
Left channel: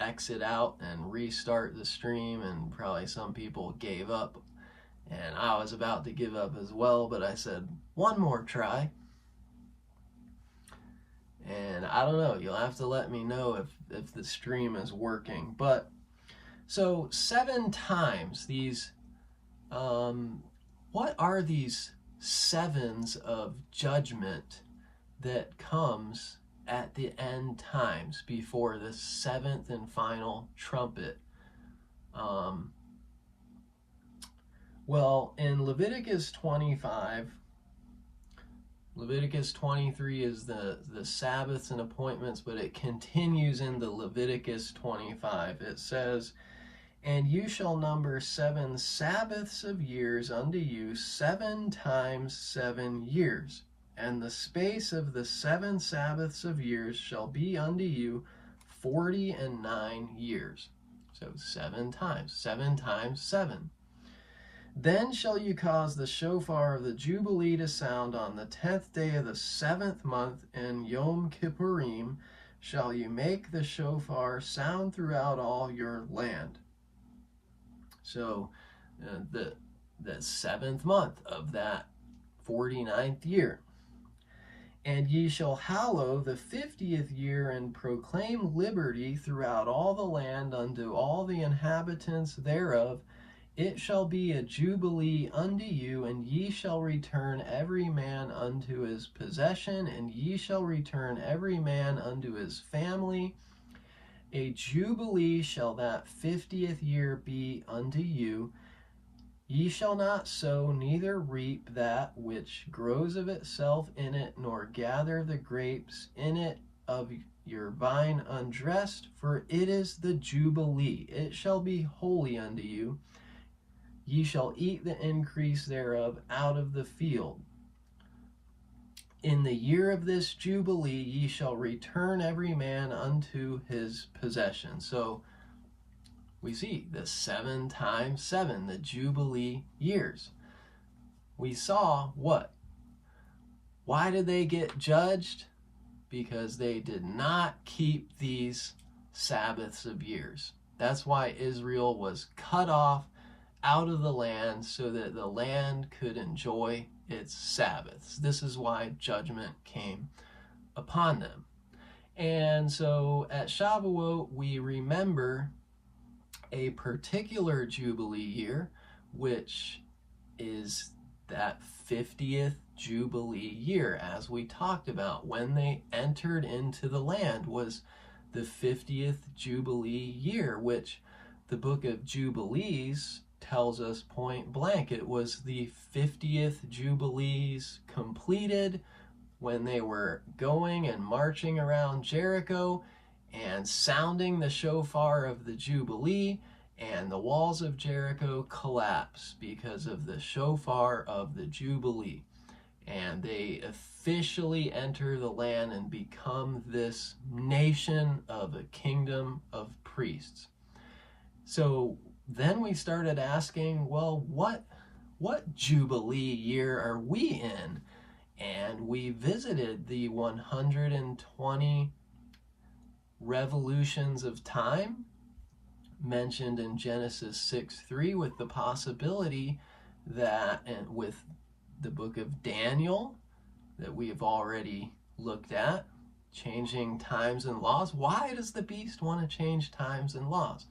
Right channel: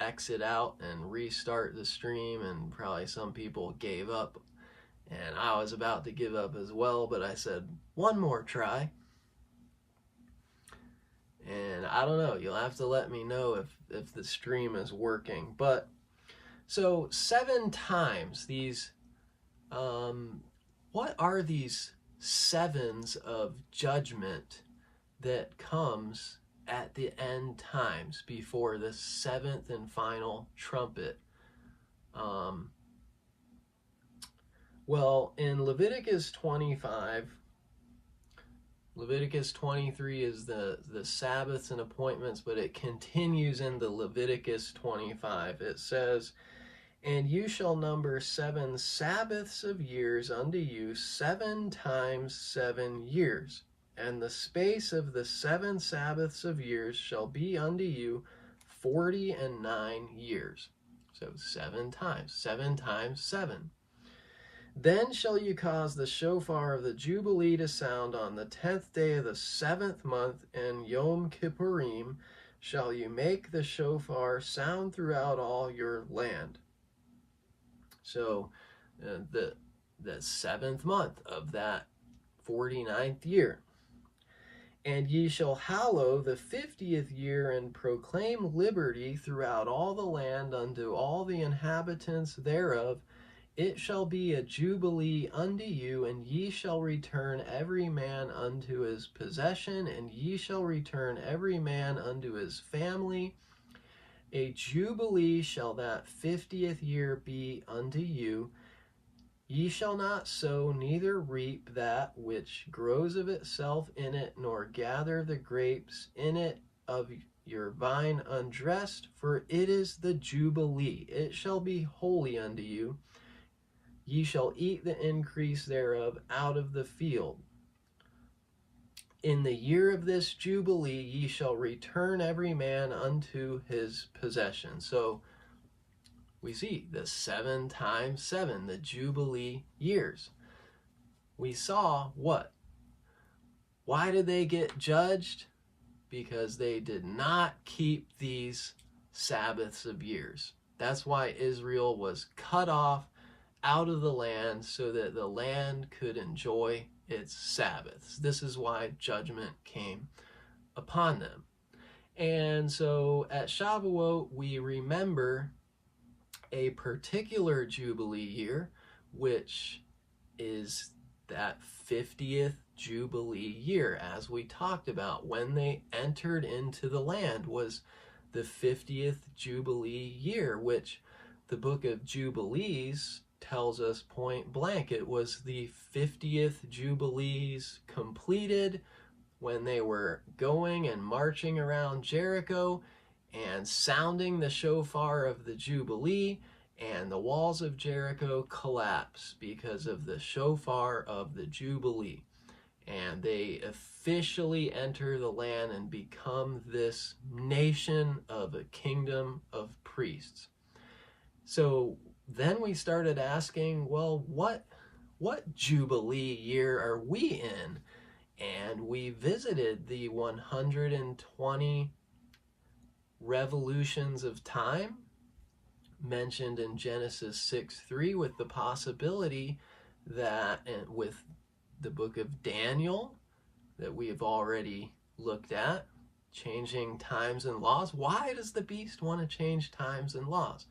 exit out and restart the stream, and probably some people gave up, and I was about to give up as well, but I said one more try. And I don't know, you'll have to let me know if the stream is working. But so 7 times these, what are these 7s of judgment that comes at the end times before the 7th and final trumpet? Well, in Leviticus 25, Leviticus 23 is the Sabbaths and appointments, but it continues in the Leviticus 25. It says, "And you shall number 7 Sabbaths of years unto you, 7 times 7 years. And the space of the 7 Sabbaths of years shall be unto you 49 years. So 7 times 7. Then shall you cause the shofar of the Jubilee to sound on the 10th day of the 7th month, and Yom Kippurim shall you make the shofar sound throughout all your land." So the 7th month of that 49th year. And ye shall hallow the 50th year, and proclaim liberty throughout all the land unto all the inhabitants thereof. It shall be a jubilee unto you, and ye shall return every man unto his possession, and ye shall return every man unto his family. A jubilee shall that 50th year be unto you. Ye shall not sow, neither reap that which grows of itself in it, nor gather the grapes in it of your vine undressed, for it is the jubilee. It shall be holy unto you. Ye shall eat the increase thereof out of the field. In the year of this jubilee ye shall return every man unto his possession. So we see the 7 times 7, the jubilee years. We saw what? Why did they get judged? Because they did not keep these Sabbaths of years. That's why Israel was cut off out of the land, so that the land could enjoy its Sabbaths. This is why judgment came upon them. And so at Shavuot, we remember a particular Jubilee year, which is that 50th Jubilee year, as we talked about. When they entered into the land was the 50th Jubilee year, which the book of Jubilees tells us point blank. It was the 50th Jubilees completed when they were going and marching around Jericho and sounding the shofar of the Jubilee, and the walls of Jericho collapse because of the shofar of the Jubilee. And they officially enter the land and become this nation of a kingdom of priests. So then we started asking, well, what Jubilee year are we in? And we visited the 120 revolutions of time mentioned in Genesis 6:3, with the possibility that, and with the book of Daniel that we have already looked at, changing times and laws. Why does the beast want to change times and laws?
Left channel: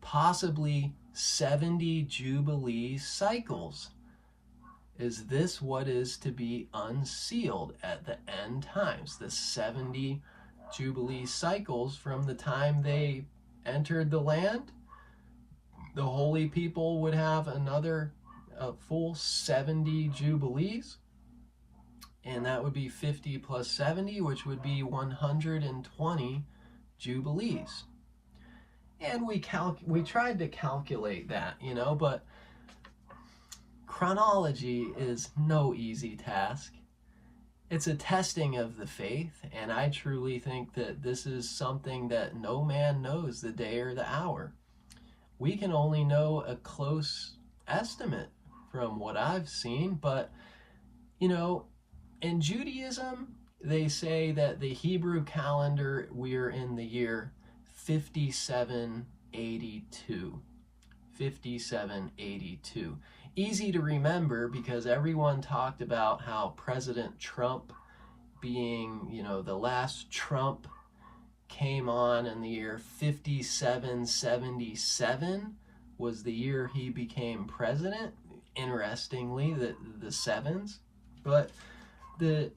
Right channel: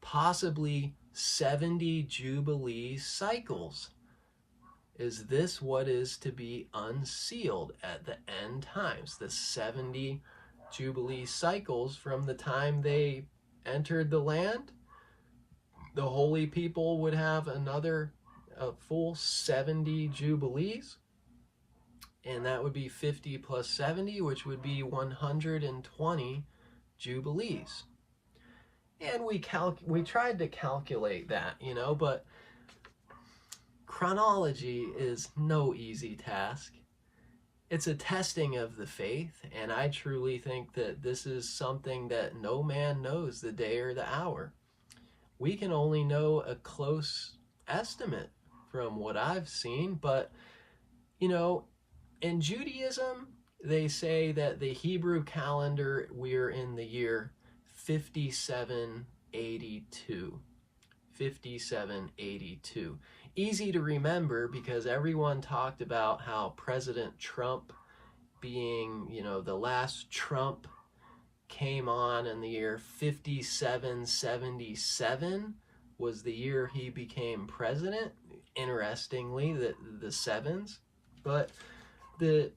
Possibly 70 Jubilee cycles. Is this what is to be unsealed at the end times? The 70 Jubilee cycles from the time they entered the land? The holy people would have another full 70 Jubilees, and that would be 50 plus 70, which would be 120 Jubilees. And we tried to calculate that, but chronology is no easy task. It's a testing of the faith, and I truly think that this is something that no man knows the day or the hour. We can only know a close estimate from what I've seen, but, in Judaism, they say that the Hebrew calendar, we're in the year 5782. 5782. Easy to remember because everyone talked about how President Trump being, the last Trump came on in the year 5777 was the year he became president. Interestingly, the sevens. But the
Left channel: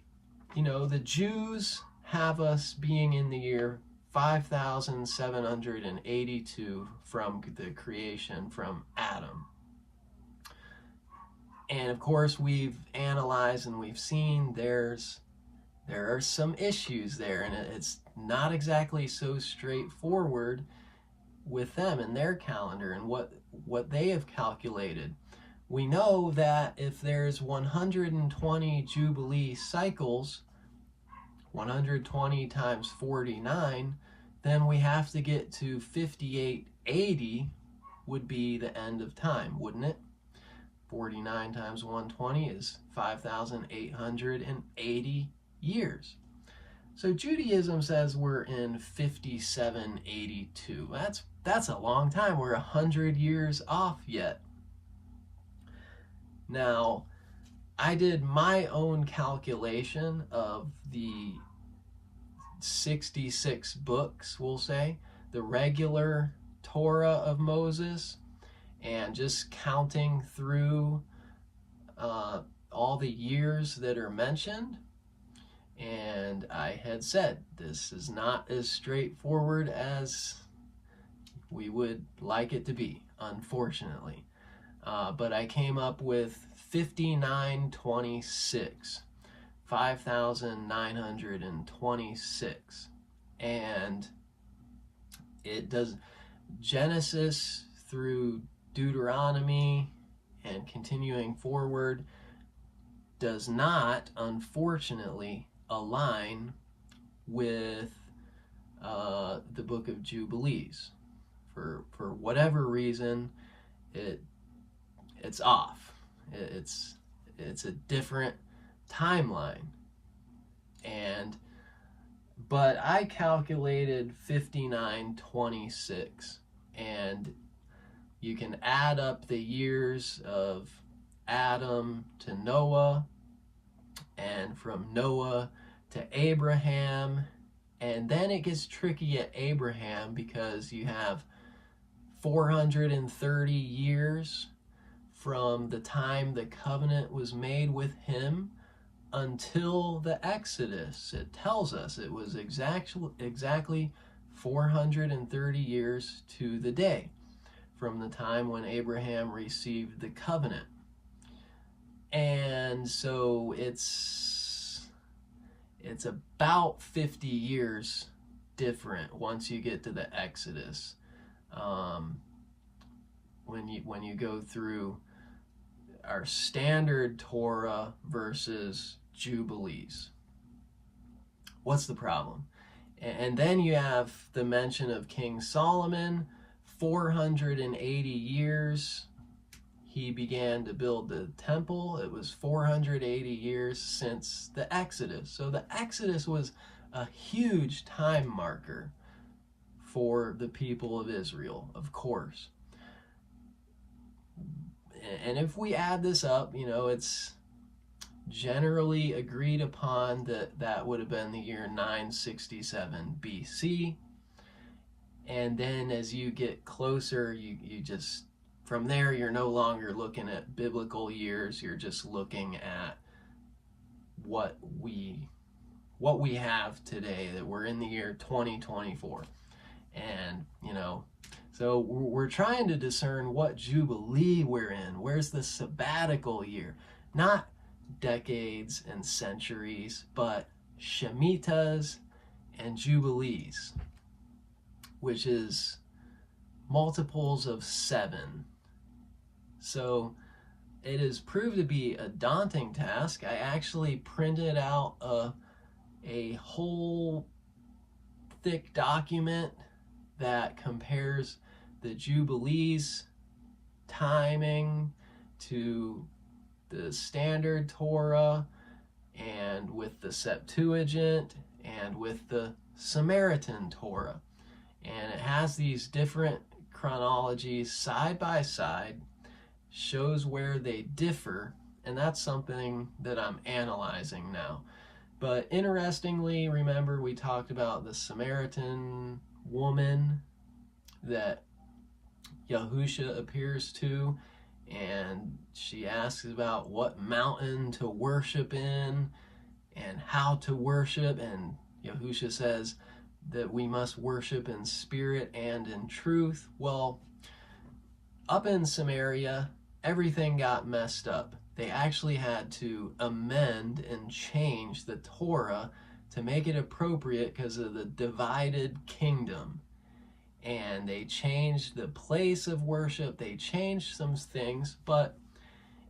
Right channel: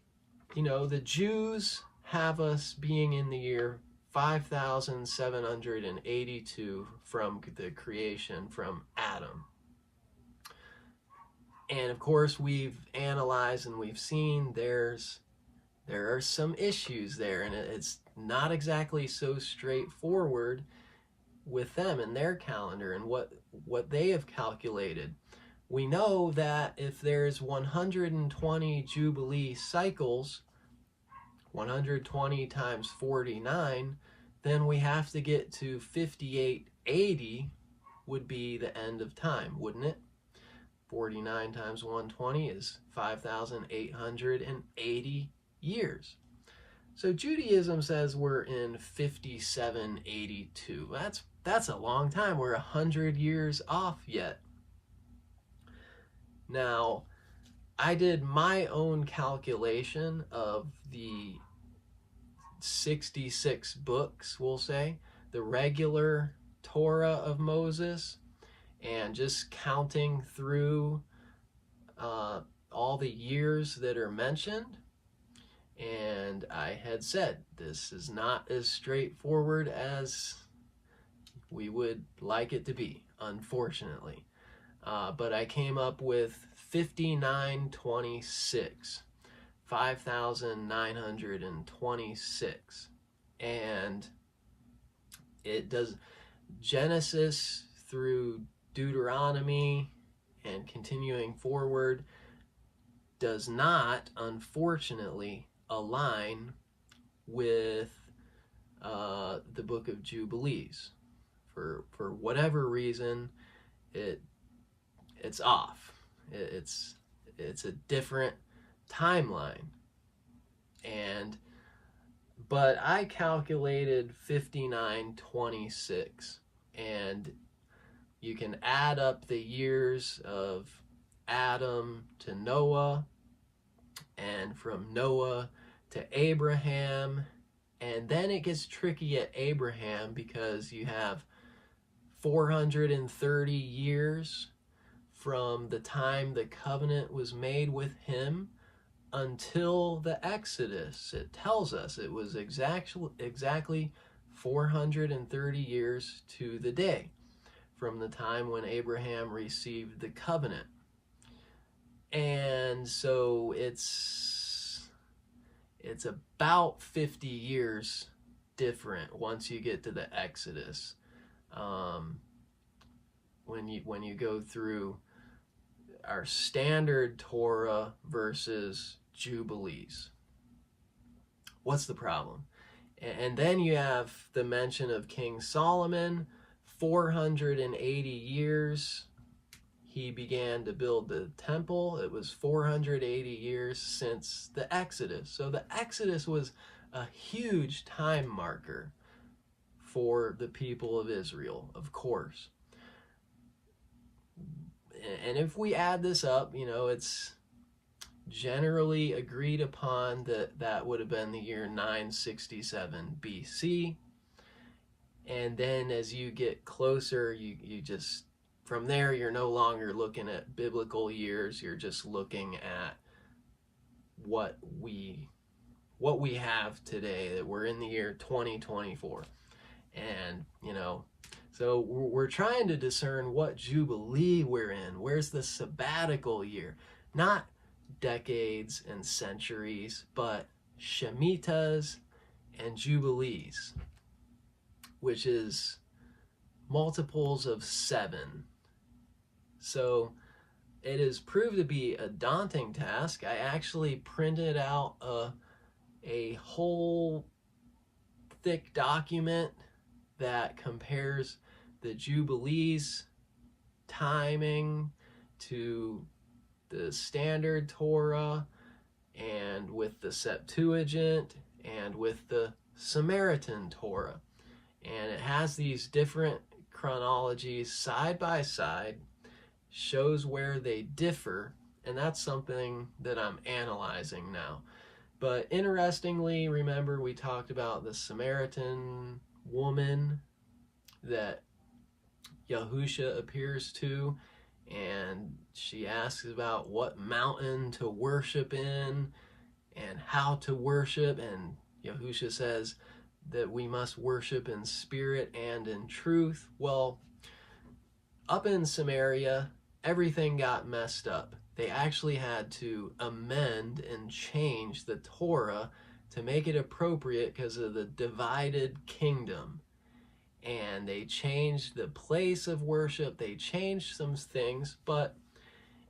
Jews have us being in the year 5782 from the creation, from Adam. And of course, we've analyzed and we've seen there are some issues there, and it's not exactly so straightforward with them and their calendar and what they have calculated. We know that if there's 120 Jubilee cycles, 120 times 49, then we have to get to 5880 would be the end of time, wouldn't it? 49 times 120 is 5,880 years. So Judaism says we're in 5782. That's a long time. We're 100 years off yet. Now, I did my own calculation of the 66 books, we'll say, the regular Torah of Moses, and just counting through all the years that are mentioned. And I had said, this is not as straightforward as we would like it to be, unfortunately. But I came up with 5926, 5,926. And it does Genesis through Deuteronomy and continuing forward does not, unfortunately, align with the book of Jubilees. For whatever reason, it's off. It's a different timeline. But I calculated 5926, and you can add up the years of Adam to Noah, and from Noah to Abraham, and then it gets tricky at Abraham because you have 430 years from the time the covenant was made with him until the Exodus. It tells us it was exactly 430 years to the day from the time when Abraham received the covenant. And so it's about 50 years different once you get to the Exodus. When you go through our standard Torah versus Jubilees. What's the problem? And then you have the mention of King Solomon, 480 years. He began to build the temple. It was 480 years since the Exodus. So the Exodus was a huge time marker for the people of Israel, of course. And if we add this up, it's generally agreed upon that would have been the year 967 BC. And then as you get closer, you just, from there, you're no longer looking at biblical years. You're just looking at what we have today, that we're in the year 2024. And, so we're trying to discern what Jubilee we're in. Where's the sabbatical year? Not decades and centuries, but Shemitahs and Jubilees, which is multiples of 7. So it has proved to be a daunting task. I actually printed out a whole thick document that compares the Jubilees timing to the standard Torah, and with the Septuagint, and with the Samaritan Torah. And it has these different chronologies side by side, shows where they differ, and that's something that I'm analyzing now. But interestingly, remember we talked about the Samaritan woman that Yahusha appears to, and she asks about what mountain to worship in and how to worship, and Yahusha says that we must worship in spirit and in truth. Well, up in Samaria, everything got messed up. They actually had to amend and change the Torah to make it appropriate because of the divided kingdom. And they changed the place of worship, they changed some things, but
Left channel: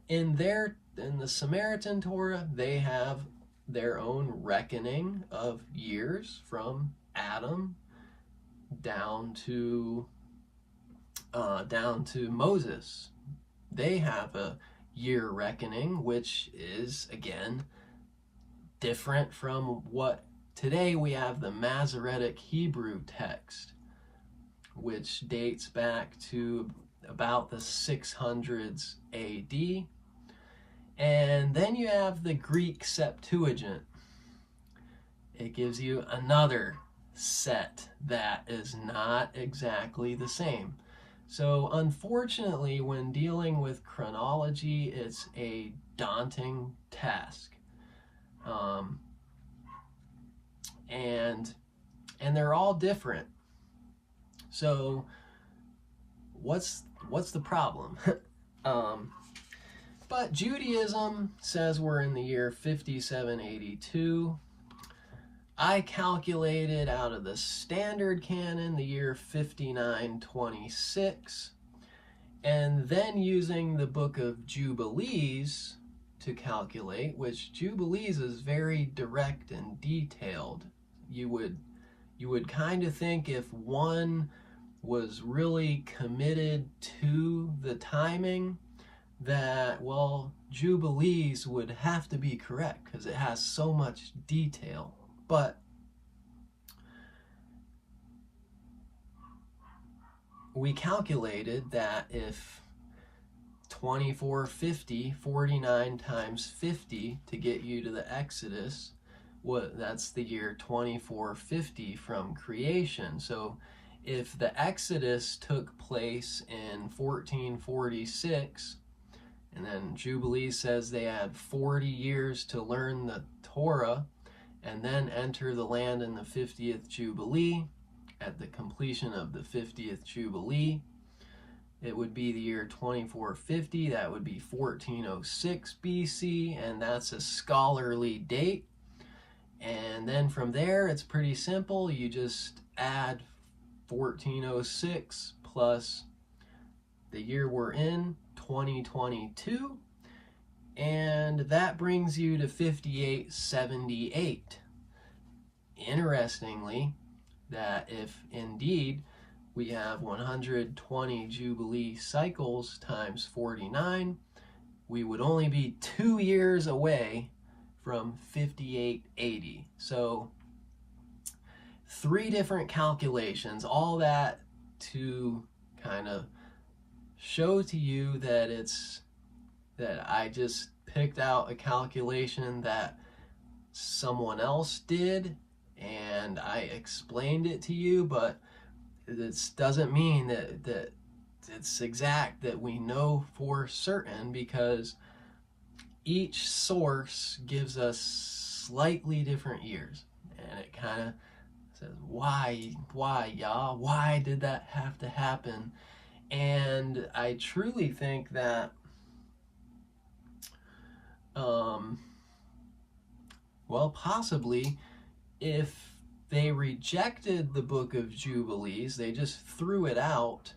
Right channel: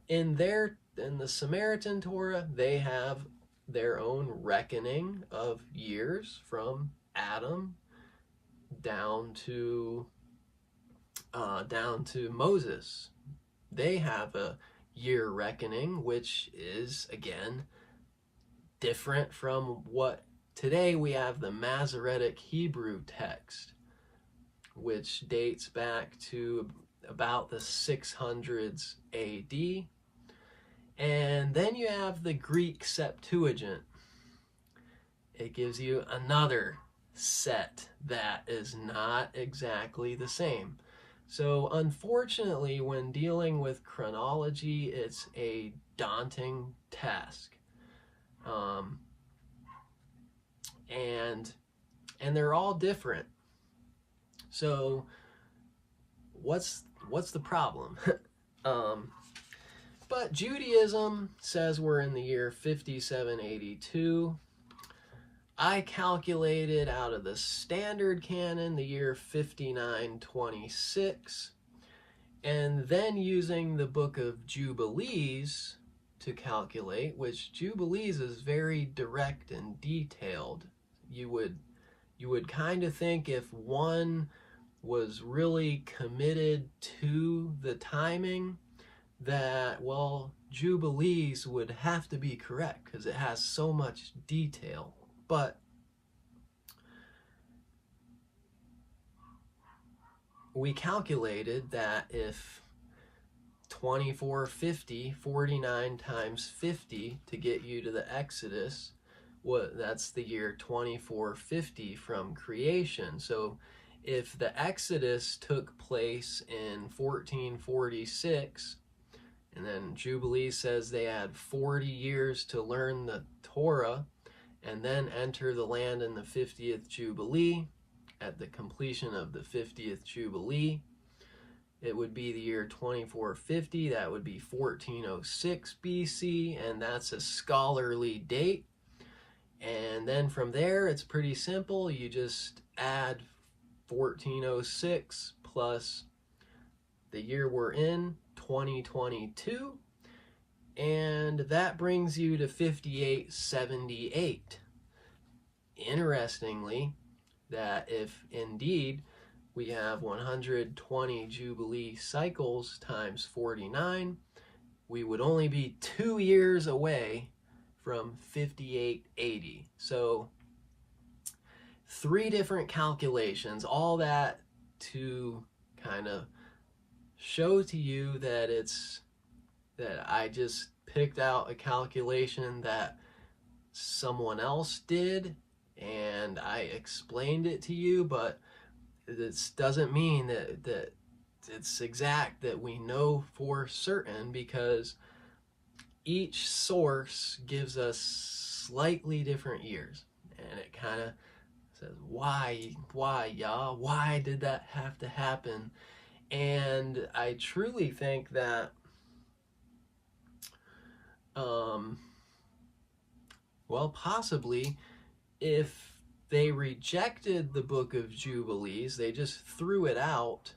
in the Samaritan Torah, they have their own reckoning of years from Adam down to Moses. They have a year reckoning, which is, again, different from what today we have the Masoretic Hebrew text, which dates back to about the 600s AD. And then you have the Greek Septuagint. It gives you another set that is not exactly the same. So unfortunately, when dealing with chronology, it's a daunting task. And they're all different. So what's the problem? But Judaism says we're in the year 5782. I calculated out of the standard canon the year 5926, and then using the book of Jubilees to calculate, which Jubilees is very direct and detailed. You would kind of think if one was really committed to the timing, that, well, Jubilees would have to be correct because it has so much detail. But we calculated that if 2450, 49 times 50 to get you to the Exodus, that's the year 2450 from creation. So if the Exodus took place in 1446, and then Jubilee says they had 40 years to learn the Torah and then enter the land in the 50th Jubilee, at the completion of the 50th Jubilee, it would be the year 2450. That would be 1406 BC, and that's a scholarly date. And then from there, it's pretty simple. You just add 1406 plus the year we're in, 2022, and that brings you to 5878. Interestingly, that if indeed we have 120 Jubilee cycles times 49, we would only be 2 years away from 5880. So 3 different calculations, all that to kind of show to you that I just picked out a calculation that someone else did and I explained it to you, but this doesn't mean that it's exact, that we know for certain, because each source gives us slightly different years, and it kind of says, why did that have to happen? And I truly think that well, possibly if they rejected the book of Jubilees, they just threw it out